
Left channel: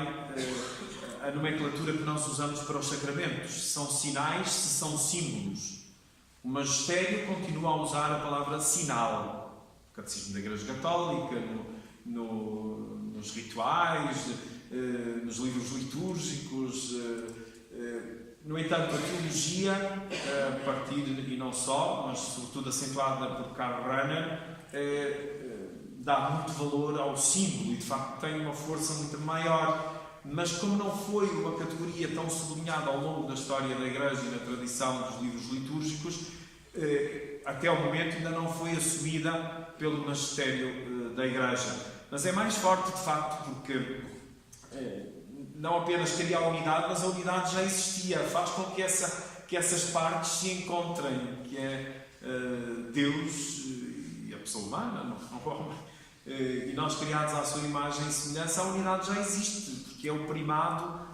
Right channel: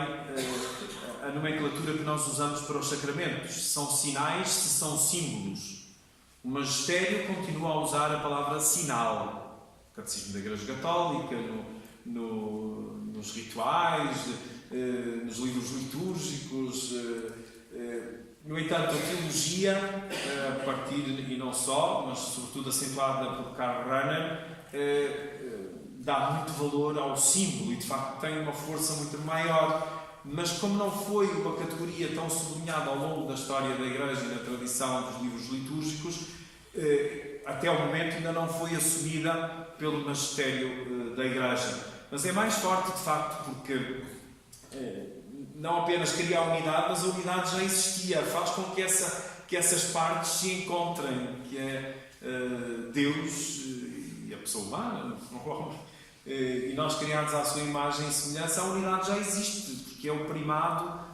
a nomenclatura que nós usamos para os sacramentos. Se são sinais, se são símbolos. O magistério continua a usar a palavra sinal. O Catecismo da Igreja Católica, nos rituais, nos livros litúrgicos. No entanto, a teologia, a partir, e não só, mas sobretudo acentuada por Karl Rahner, dá muito valor ao símbolo e, de facto, tem uma força muito maior. Mas como não foi uma categoria tão sublinhada ao longo da história da Igreja e na tradição dos livros litúrgicos, até o momento ainda não foi assumida pelo magistério da Igreja. Mas é mais forte, de facto, porque não apenas cria a unidade, mas a unidade já existia. Faz com que essas partes se encontrem, que é Deus e a pessoa humana, no homem. E nós, criados à sua imagem e semelhança, a unidade já existe, porque é o primado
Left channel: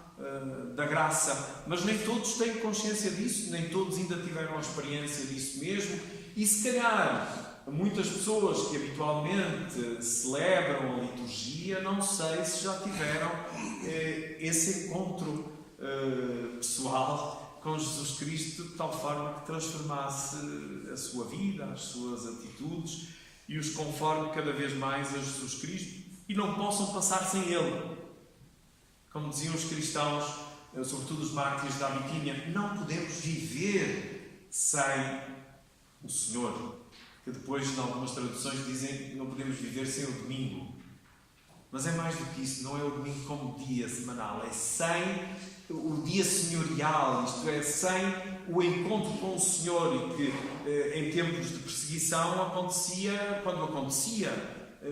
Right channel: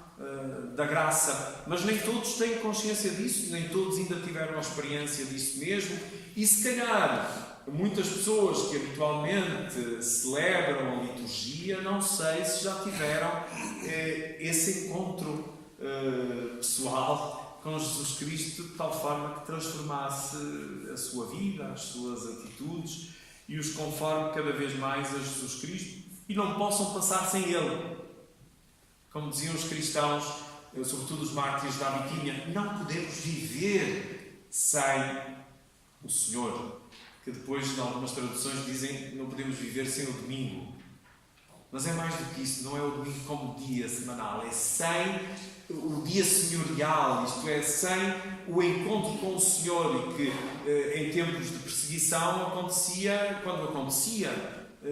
da graça. Mas nem todos têm consciência disso, nem todos ainda tiveram a experiência disso mesmo. E se calhar muitas pessoas que habitualmente celebram a liturgia, não sei se já tiveram esse encontro pessoal com Jesus Cristo, de tal forma que transformasse a sua vida, as suas atitudes, e os conforme cada vez mais a Jesus Cristo, e não possam passar sem Ele. Como diziam os cristãos, sobretudo os mártires da Biquinha, não podemos viver sem o Senhor. Que depois, em algumas traduções, dizem que não podemos viver sem o domingo. Mas é mais do que isso, não é o domingo como dia semanal, é sem o dia senhorial, isto é, sem o encontro com o Senhor, e que em tempos de perseguição acontecia quando acontecia,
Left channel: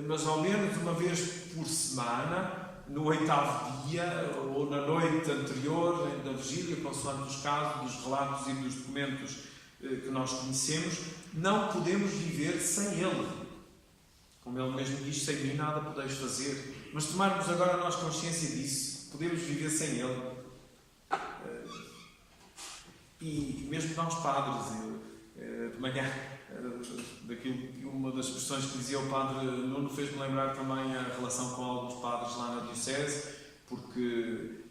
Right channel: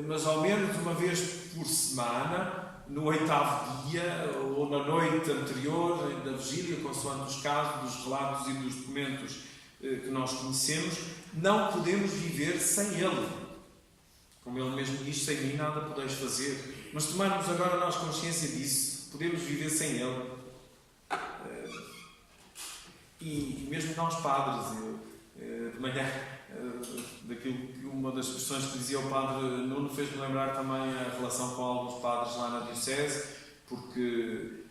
mas ao menos uma vez por semana, no 8º dia ou na noite anterior da vigília, consoante os casos, dos relatos e dos documentos que nós conhecemos, não podemos viver sem Ele. Como Ele mesmo diz, sem mim nada podeis fazer. Mas tomarmos agora nós consciência disso, podemos viver sem Ele. E mesmo nós padres, de manhã, daquilo que uma das questões que dizia o padre Nuno fez-me lembrar também a relação com alguns padres lá na Diocese, porque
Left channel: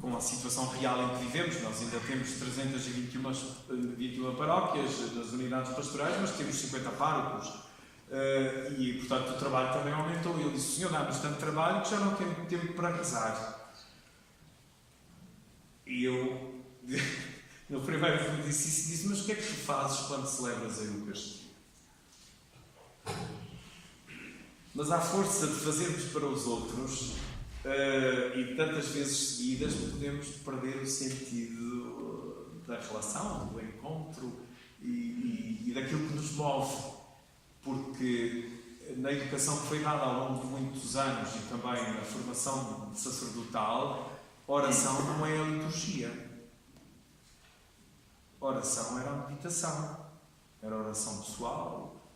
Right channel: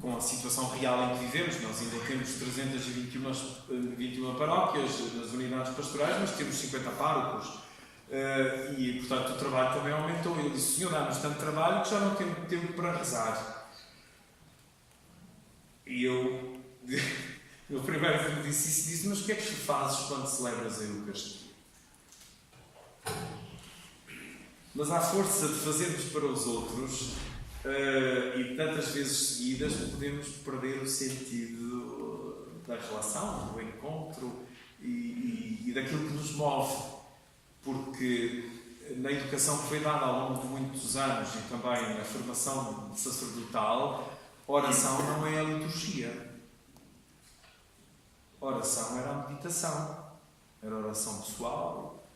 com a situação real em que vivemos, nós ainda temos 321 paróquias nas unidades pastorais, mas temos 50 párocos. E, portanto, o trabalho também aumentou. Eu disse: Senhor, dá-nos tanto trabalho que já não temos tempo para rezar. E eu primeiro me disse isso, disse: mas o que é que tu fazes quando celebras a Eucaristia? Mas à força de fazermos para os outros, e tantas vezes seguidas, podemos perder o sentido da relação, do encontro e daquilo que nos move. Porque na educação que foi dada ao longo de muitos anos e também na formação sacerdotal, oração não é a liturgia. Oração era a meditação, era a oração pessoal,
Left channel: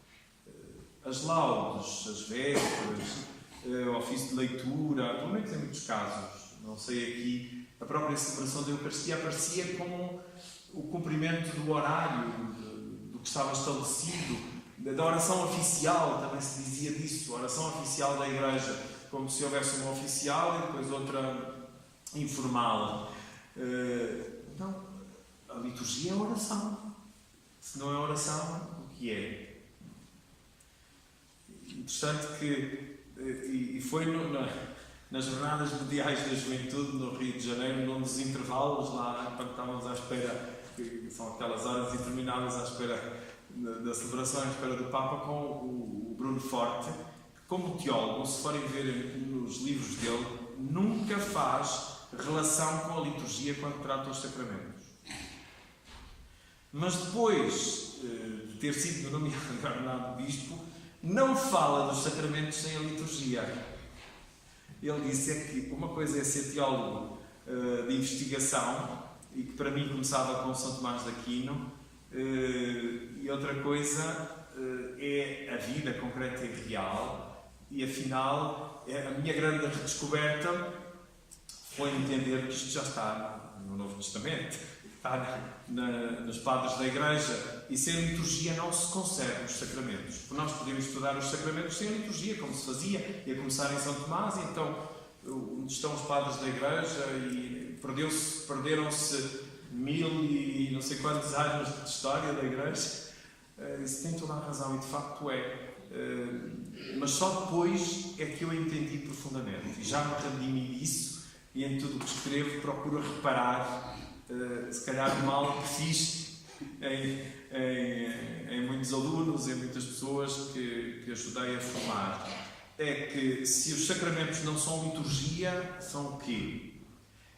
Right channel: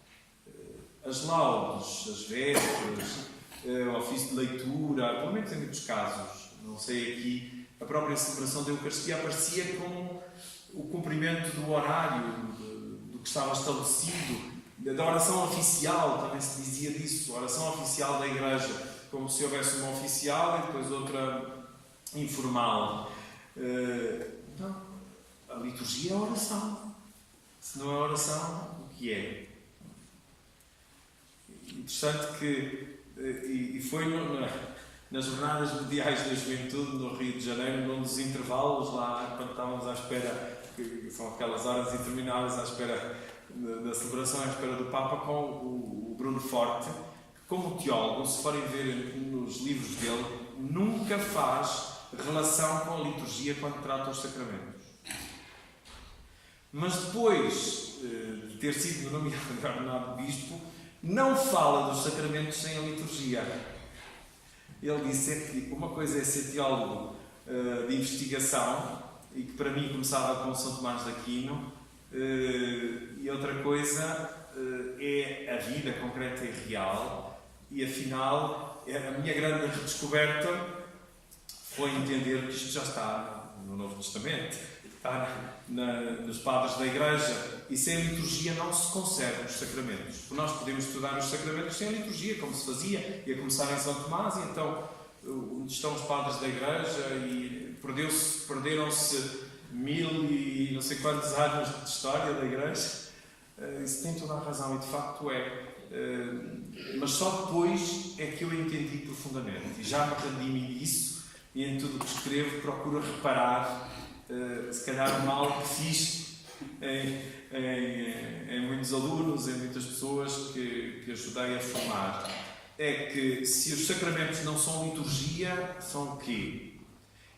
as laudes, as vésperas, o ofício de leitura, pelo menos em muitos casos, não sei aqui, a própria celebração da Eucaristia aparecia como o cumprimento do horário, do que estava estabelecido. Da oração oficial, também se dizia disso, a oração oficial da Igreja, como se houvesse uma oficial e depois outra informal. Não, a liturgia é a oração. Se não é oração, o que é? Interessante que, e foi nas jornadas mundiais da juventude no Rio de Janeiro, num dos intervalos lá, quando estávamos à espera, que são aquelas horas intermináveis à espera da celebração, à espera do Papa, com o Bruno Forte, que, como teólogo, se forem ver nos livros dele, nunca faz relação com a liturgia quando trata os sacramentos. Mas depois de ter sido nomeado bispo, não fala dos sacramentos sem a liturgia. Ele disse que uma coisa é ser teólogo de investigação, e que para mim começava com São Tomás de Aquino, e outra coisa é a vida concreta e real, e afinal a minha grande redescoberta foi entender que isto já está no Novo Testamento, está nos padres da Igreja, e sem a liturgia não se concebem os sacramentos. Porque nós podemos estudar os sacramentos sem a liturgia, como se fazia, e a começar em São Tomás, e então onde estão os padres da Igreja, e perderam-se 1000 e não sei quantos anos de história da Igreja. Isso tem toda a razão, e de facto é. Mas só depois é que eu entendi profundamente, e já me redimi disso, e em tudo o que escrevo procuro reparar se calhar o mal que fiz em muitos alunos, em muitas pessoas que ajudei a formar. É que se os sacramentos não são liturgia, são o quê?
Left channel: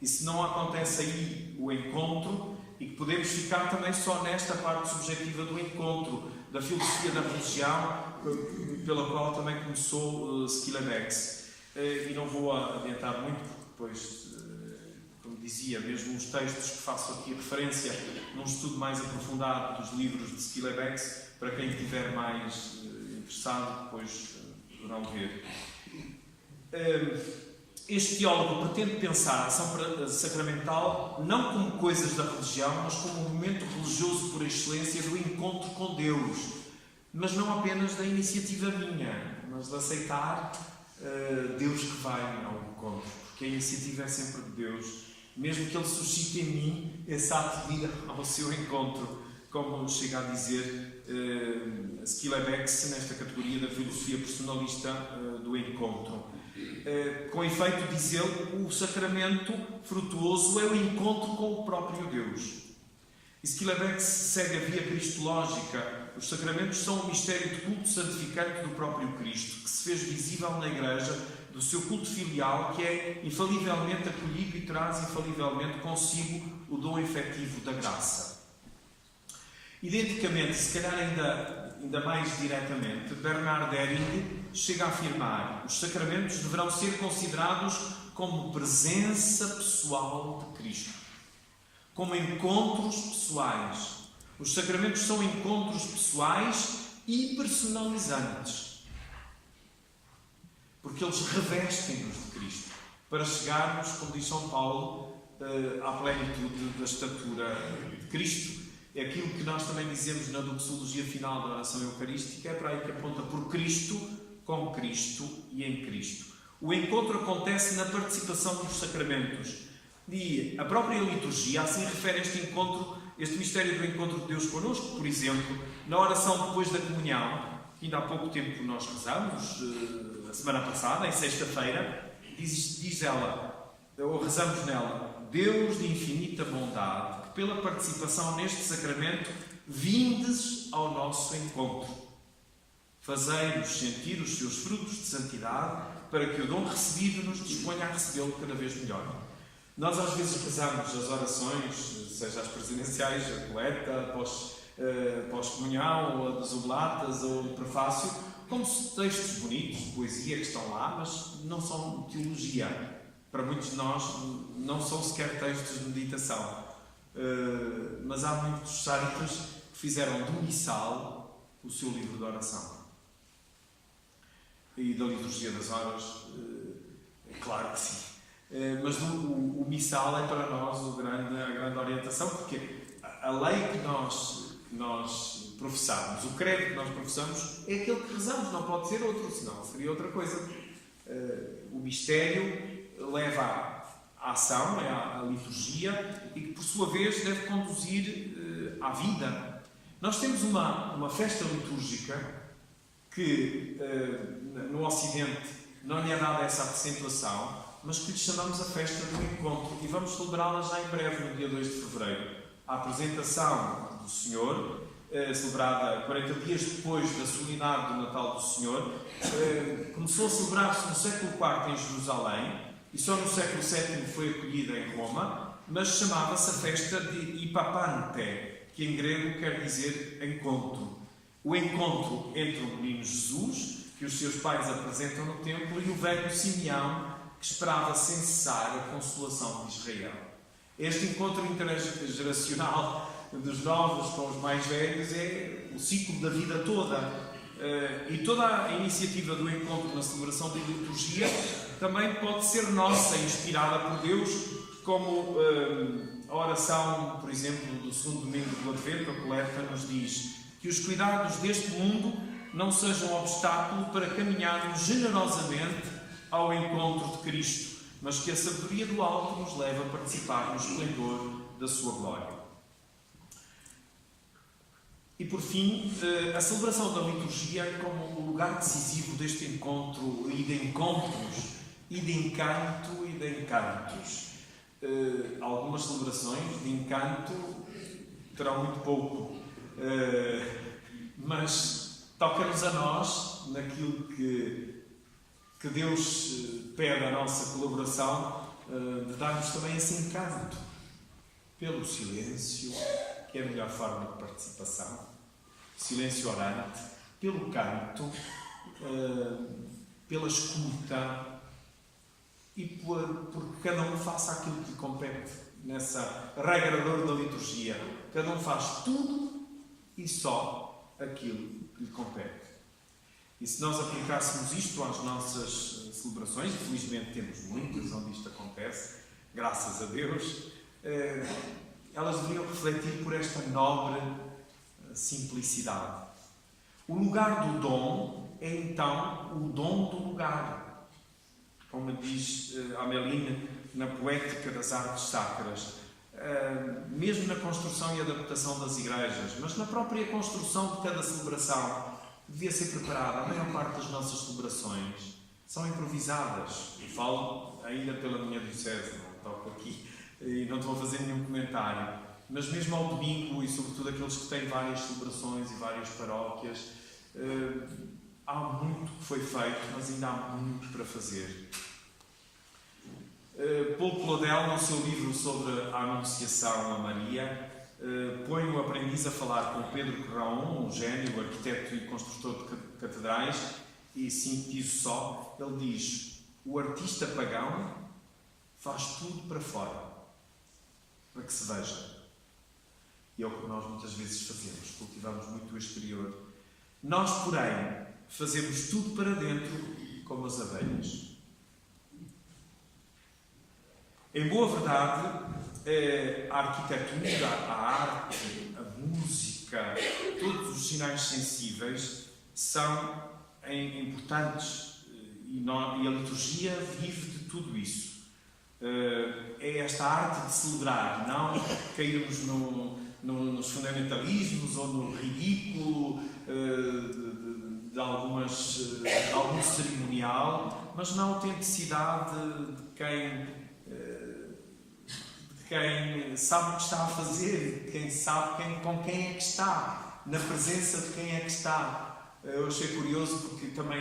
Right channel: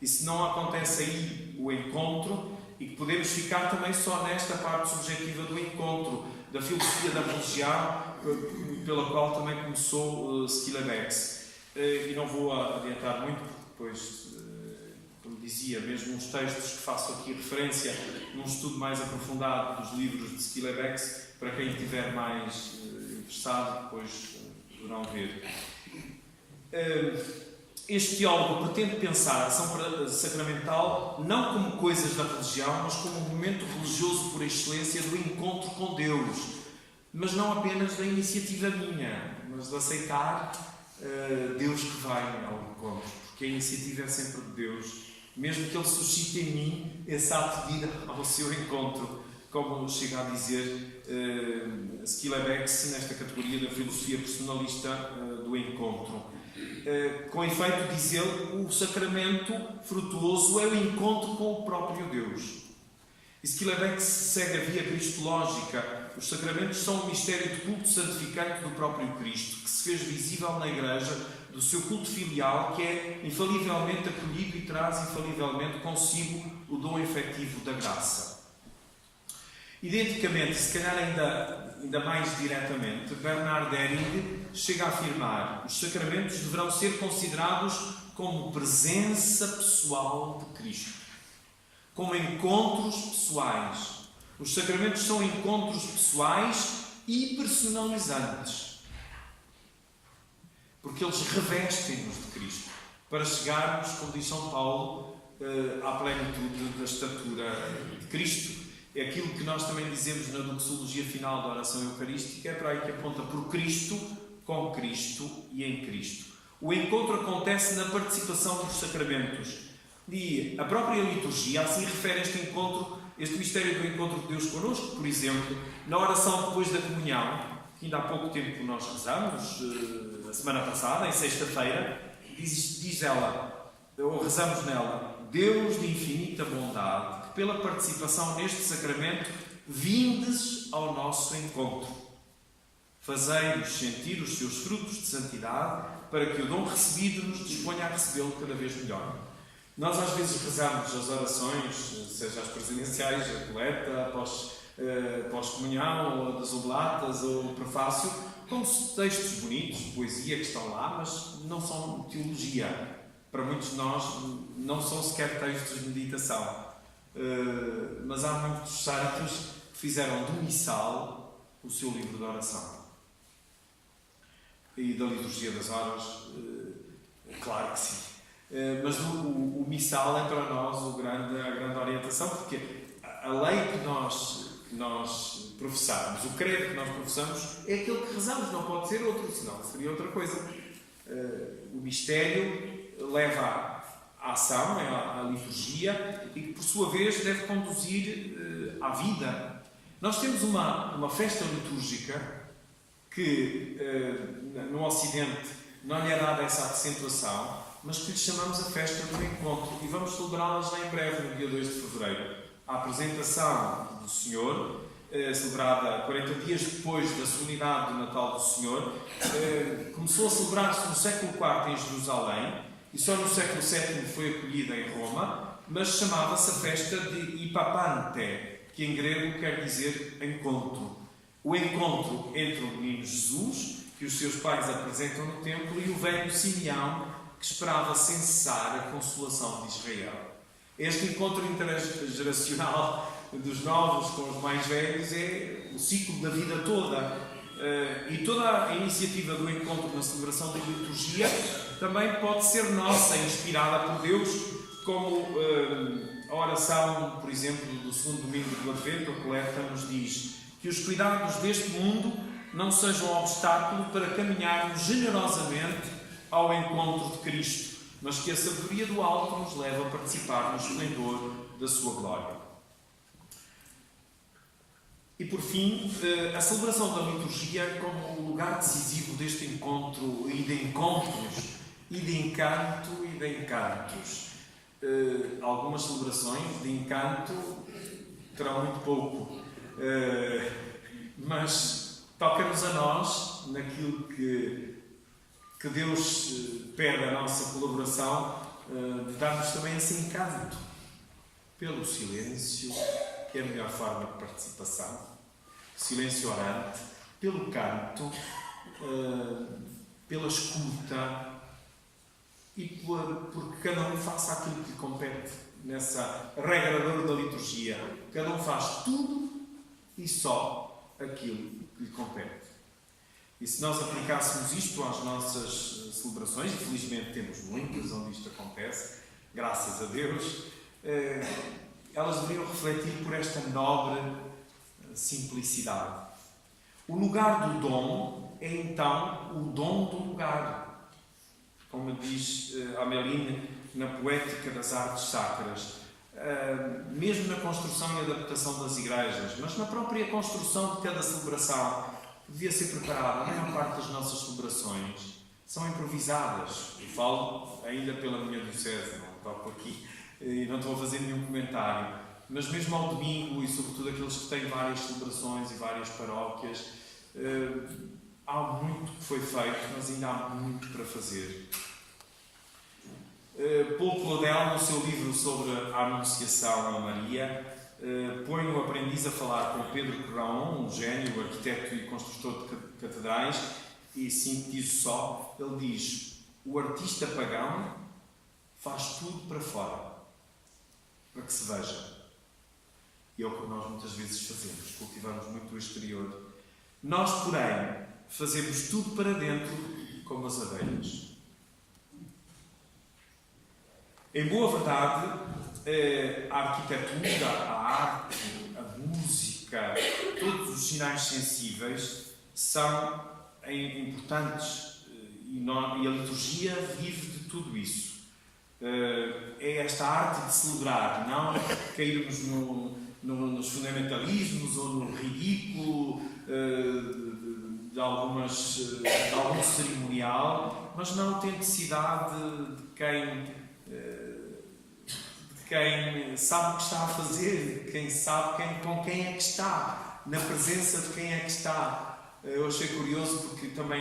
E se não acontece aí o encontro, e que podemos ficar também só nesta parte subjetiva do encontro, da filosofia da religião, pela qual também começou Skilabex. E não vou adiantar muito, porque depois, como dizia, mesmo os textos que faço aqui referência, num estudo mais aprofundado dos livros de Skilabex, para quem estiver mais interessado, depois poderão ver. Este teólogo pretende pensar a ação sacramental não como coisas da religião, mas como um momento religioso por excelência do encontro com Deus, mas não apenas da iniciativa minha, mas de aceitar Deus que vai ao encontro, porque a iniciativa é sempre de Deus, mesmo que Ele suscite em mim esse ato de ir ao seu encontro. como chega a dizer Skilebex, nesta categoria da filosofia personalista do encontro. Com efeito, diz ele, o sacramento frutuoso é o encontro com o próprio Deus. Skilebex segue a via cristológica. Os sacramentos são o mistério de culto santificante do próprio Cristo, que se fez visível na Igreja, do seu culto filial, que é infalivelmente acolhido e traz infalivelmente consigo o dom efetivo da graça. Identicamente, se calhar ainda mais diretamente, Bernard Ehring chega a afirmar: os sacramentos deverão ser considerados como presença pessoal de Cristo, como encontros pessoais. Os sacramentos são encontros pessoais e personalizantes, porque eles revestem-nos de Cristo, para chegarmos, como diz São Paulo, à plenitude da estatura de Cristo. É aquilo que nós também dizemos na doxologia final da oração eucarística, é para aí que aponta: por Cristo, com Cristo e em Cristo. O encontro acontece na participação dos sacramentos. E a própria liturgia assim refere este encontro, este mistério do encontro de Deus connosco. Por exemplo, na oração depois da comunhão, que ainda há pouco tempo nós rezamos, a semana passada, em sexta-feira, diz ela, ou rezamos nela: Deus de infinita bondade, que pela participação neste sacramento vindes ao nosso encontro. Fazei-nos sentir os seus frutos de santidade, para que o dom recebido nos disponha a recebê-lo cada vez melhor. Nós às vezes rezamos as orações, seja as presidenciais, a coleta, pós-comunhão, ou das oblatas, ou o prefácio, como textos bonitos, de poesia que estão lá, mas não são teologia. Para muitos de nós não são sequer textos de meditação. Mas há muitos santos que fizeram do missal o seu livro de oração. E da liturgia das horas, claro que sim. Mas o missal é para nós a grande orientação, porque a lei que nós professamos, o credo que nós professamos, é aquele que rezamos, não pode ser outro, senão seria outra coisa. O mistério leva à ação, é a liturgia, e que por sua vez deve conduzir à vida. Nós temos uma festa litúrgica que no Ocidente não lhe é dada essa acentuação, mas que lhe chamamos a festa do encontro, e vamos celebrá-la já em breve, no dia 2 de fevereiro. A apresentação do Senhor, celebrada 40 dias depois da solenidade do Natal do Senhor, começou a celebrar-se no século IV em Jerusalém, e só no século VII foi acolhida em Roma, mas chamava-se a festa de Ipapante, que em grego quer dizer encontro. O encontro entre o menino Jesus, que os seus pais apresentam no templo, e o velho Simeão, que esperava sem cessar a consolação de Israel. Este encontro intergeracional dos novos com os mais velhos é o ciclo da vida toda. E toda a iniciativa do encontro na celebração da liturgia também pode ser nossa, inspirada por Deus, como a oração, por exemplo, do segundo domingo do Advento, a coleta, nos diz que os cuidados deste mundo não sejam obstáculo para caminharmos generosamente ao encontro de Cristo, mas que a sabedoria do alto nos leve a participar no esplendor da sua glória. E por fim, a celebração da liturgia como o lugar decisivo deste encontro e de encontros, e de encanto e de encantos. Algumas celebrações de encanto terão muito pouco, mas toca-nos a nós naquilo que Deus pede a nossa colaboração, de darmos também esse encanto pelo silêncio, que é a melhor forma de participação, silêncio orante, pelo canto, pela escuta, e porque cada um faça aquilo que lhe compete nessa regra de ouro da liturgia. Cada um faz tudo e só aquilo que lhe compete. E se nós aplicássemos isto às nossas celebrações, e felizmente temos muitas onde isto acontece, graças a Deus, elas deveriam refletir por esta nobre simplicidade. O lugar do dom é então o dom do lugar. Como diz Améline na Poética das Artes Sacras, mesmo na construção e adaptação das igrejas, mas na própria construção de cada celebração, devia ser preparada. A maior parte das nossas celebrações são improvisadas. Eu falo ainda pela minha diocese, não toco aqui e não estou a fazer nenhum comentário. Mas mesmo ao domingo, e sobretudo aqueles que têm várias celebrações e várias paróquias, há muito que foi feito, mas ainda há muito para fazer. Paul Claudel, no seu livro sobre a Anunciação a Maria, põe o aprendiz a falar com Pedro Craon, um gênio, arquiteto e construtor de catedrais, e sintetizo só, ele diz: o artista pagão faz tudo para fora, para que se veja. E é o que nós muitas vezes fazemos, cultivamos muito o exterior. Nós, porém, fazemos tudo para dentro, como as abelhas. Em boa verdade, a arquitetura, a arte, a música, todos os sinais sensíveis são importantes e a liturgia vive de tudo isso. É esta arte de celebrar, não cairmos nos fundamentalismos ou no ridículo de algum cerimonial, mas na autenticidade de quem sabe o que está a fazer, quem sabe com quem é que está, na presença de quem é que está. Eu achei curioso porque também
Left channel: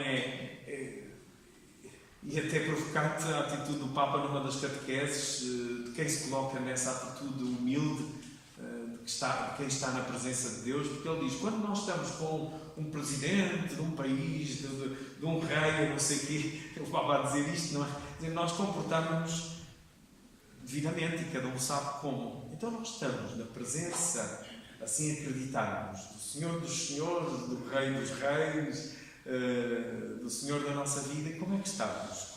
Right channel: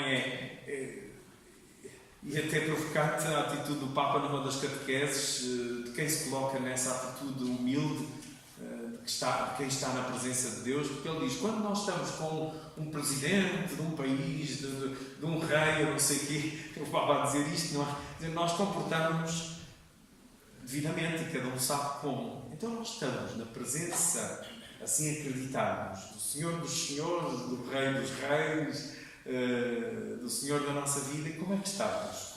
e até provocante a atitude do Papa numa das catequeses, de quem se coloca nessa atitude humilde, de quem está na presença de Deus, porque ele diz: quando nós estamos com um presidente de um país, de um rei, eu não sei o quê, o Papa a dizer isto, não é? Nós comportamos devidamente e cada um sabe como. Então nós estamos na presença, assim acreditamos, do Senhor dos Senhores, do Rei dos Reis, do Senhor da nossa vida. E como é que estamos?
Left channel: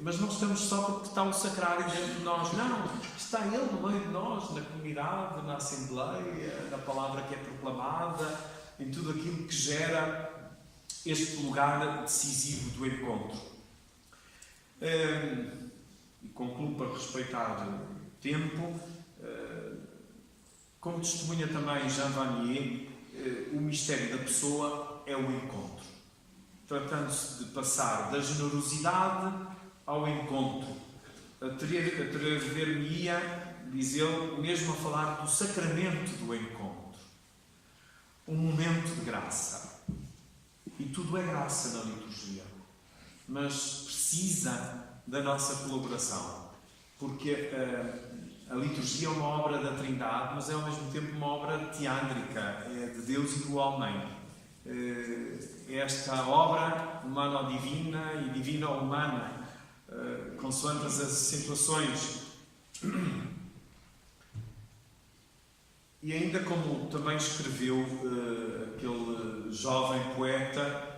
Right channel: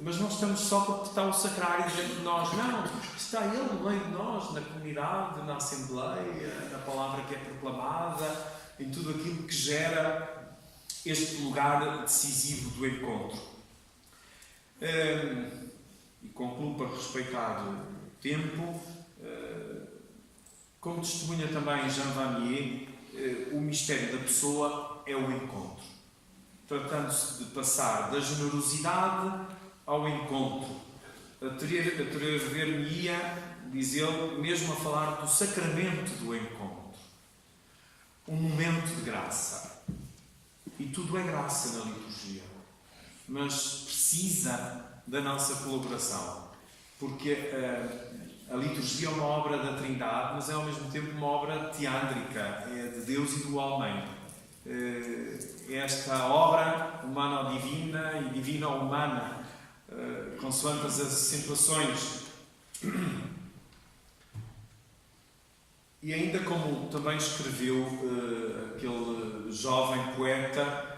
Mas não estamos só porque está o sacrário dentro de nós. Não, está Ele no meio de nós, na comunidade, na Assembleia, na palavra que é proclamada, em tudo aquilo que gera este lugar decisivo do encontro. E concluo para respeitar o tempo. Como testemunha também Jean Vanier, o mistério da pessoa é o encontro. Tratando-se de passar da generosidade ao encontro. Atrever-me-ia, diz ele, mesmo a falar do sacramento do encontro. Um momento de graça. E tudo é graça na liturgia. Mas precisa da nossa colaboração. Porque a liturgia é uma obra da Trindade, mas é ao mesmo tempo uma obra teândrica, é de Deus e do homem. Esta obra humano-divina e divina-humana, consoante as situações. E ainda como também escreveu aquele jovem poeta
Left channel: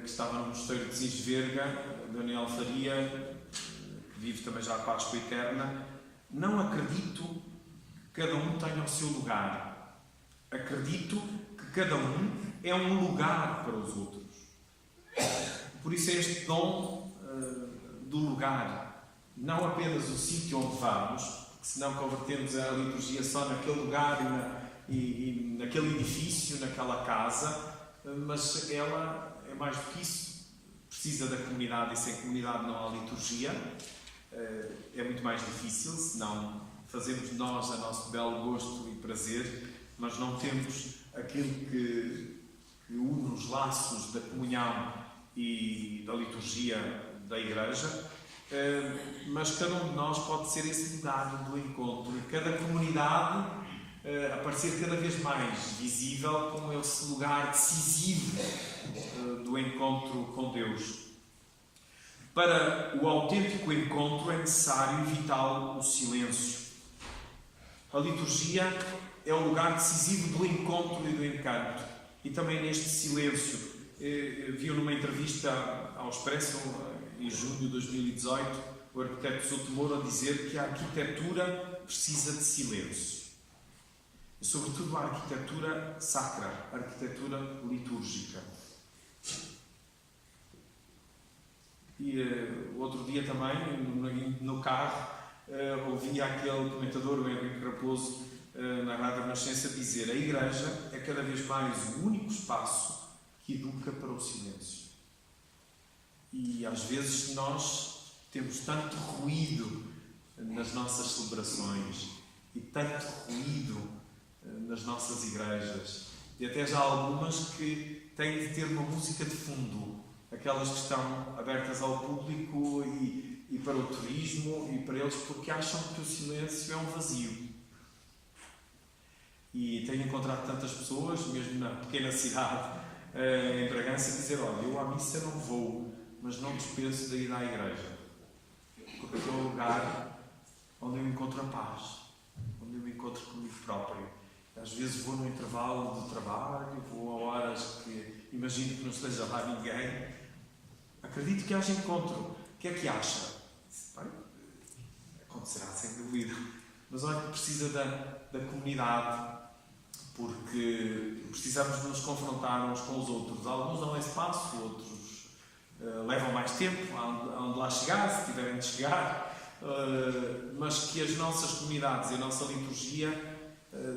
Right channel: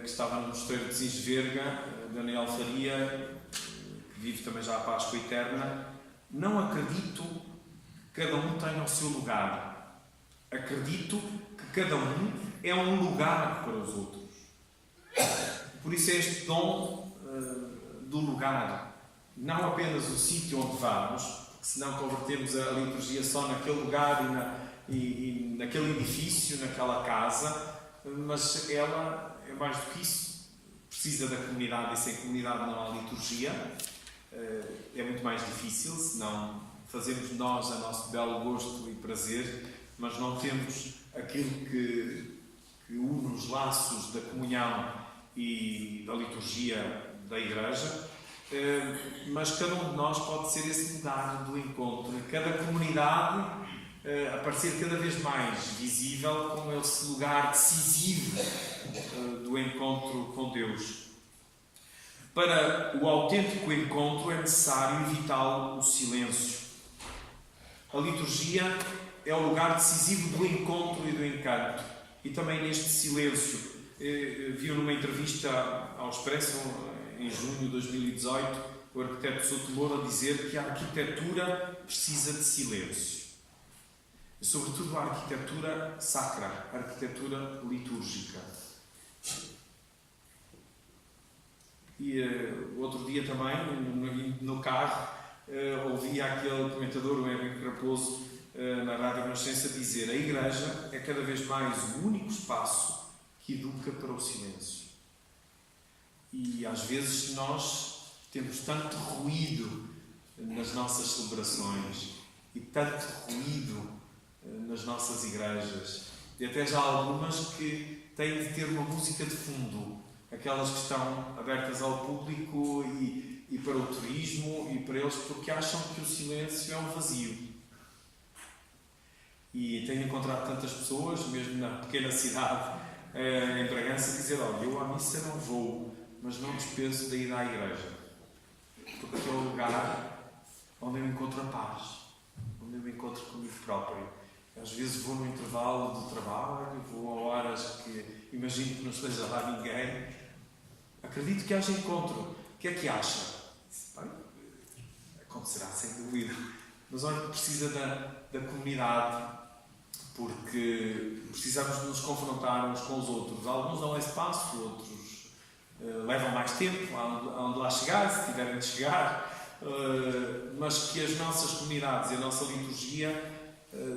que estava no mosteiro de Cisverga, Daniel Faria, que vive também já a Páscoa Eterna: não acredito que cada um tenha o seu lugar. Acredito que cada um é um lugar para os outros. Por isso é este dom do lugar. Não apenas o sítio onde vamos, porque senão convertemos a liturgia só naquele lugar e naquele edifício, naquela casa, mas ela é mais do que isso. Precisa da comunidade, e sem comunidade não há liturgia. É muito mais difícil, senão fazemos nós a nosso belo gosto e prazer, mas não temos aquilo que une os laços da comunhão e da liturgia da Igreja. Mas cada um de nós pode ser esse lugar do encontro, em cada comunidade aparecer cada vez mais visível como esse lugar decisivo do encontro com Deus. Para o autêntico encontro é necessário e vital o silêncio. A liturgia é o lugar decisivo do encontro e do encanto. E também neste silêncio, viu numa entrevista ao Expresso, em junho de 2018, o arquiteto Souto Moura dizer que a arquitetura precisa de silêncio. E, sobretudo, a arquitetura sacra, a arquitetura litúrgica. E outro dia também, no carro, ouvi aquele comentador, o Henrique Raposo, na Rádio Renascença, dizer: a Igreja é cada vez mais o único espaço que educa para o silêncio. E às vezes nós temos tanto ruído nas nossas celebrações e tanto ruído nas nossas igrejas, e até já algumas que têm de ter uma música de fundo, aquelas que estão abertas ao público e para o turismo e para eles, porque acham que o silêncio é um vazio. E tenho encontrado tantas pessoas, mesmo na pequena cidade, em Bragança, dizer: olha, eu à missa não vou, mas não dispenso de ir à igreja, porque é o lugar onde eu encontro a paz, onde eu me encontro comigo próprio. Às vezes vou no intervalo do trabalho, vou a horas que imagino que não esteja lá ninguém. Acredito que haja encontro. O que é que acha? Bem, acontecerá sem dúvida. Mas olha, precisa da comunidade, porque precisamos de nos confrontar uns com os outros. Alguns dão espaço, outros levam mais tempo aonde lá chegar, se tiverem de chegar. Mas que as nossas comunidades e a nossa liturgia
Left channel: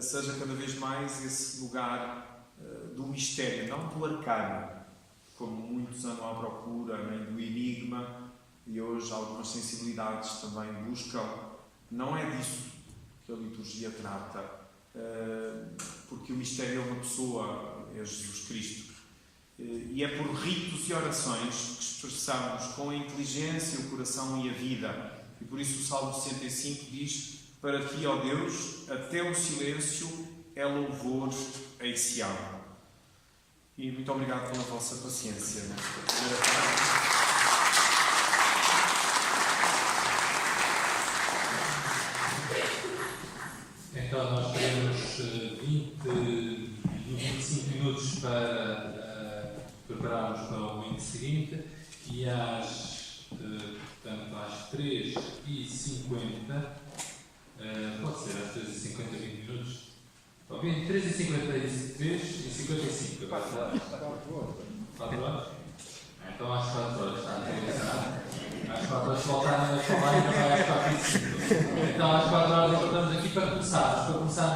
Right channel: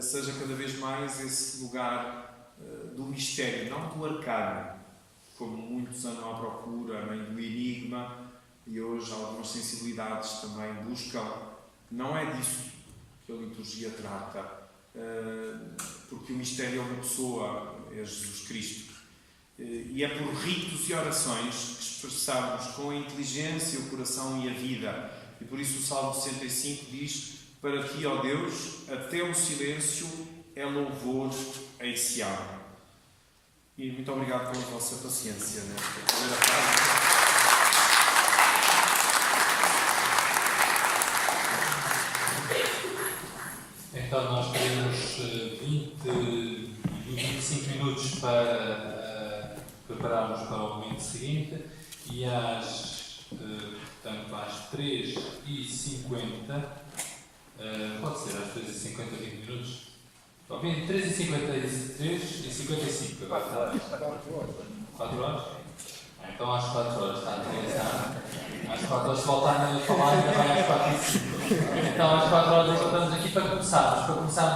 seja cada vez mais esse lugar do mistério, não do arcano, como muitos andam à procura, nem do enigma, e hoje algumas sensibilidades também buscam. Não é disso que a liturgia trata, porque o mistério é uma pessoa, é Jesus Cristo, e é por ritos e orações que expressamos com a inteligência, o coração e a vida. E por isso o Salmo 65 diz: para ti, ó Deus, até o silêncio é louvor em Sião. E muito obrigado pela vossa paciência nesta primeira parte. Então nós temos 20 e 25 minutos para prepararmos para o momento seguinte, e portanto, às 3h50, pode ser às 3h50, 20 minutos? 3h53 e 55, agora está. 4 horas? Então às 4 horas está a pensar. Às 4 horas, se voltarem a falar, ainda vai às 4h05. Então às 4 horas encontramos aqui para começar. Mas para começar,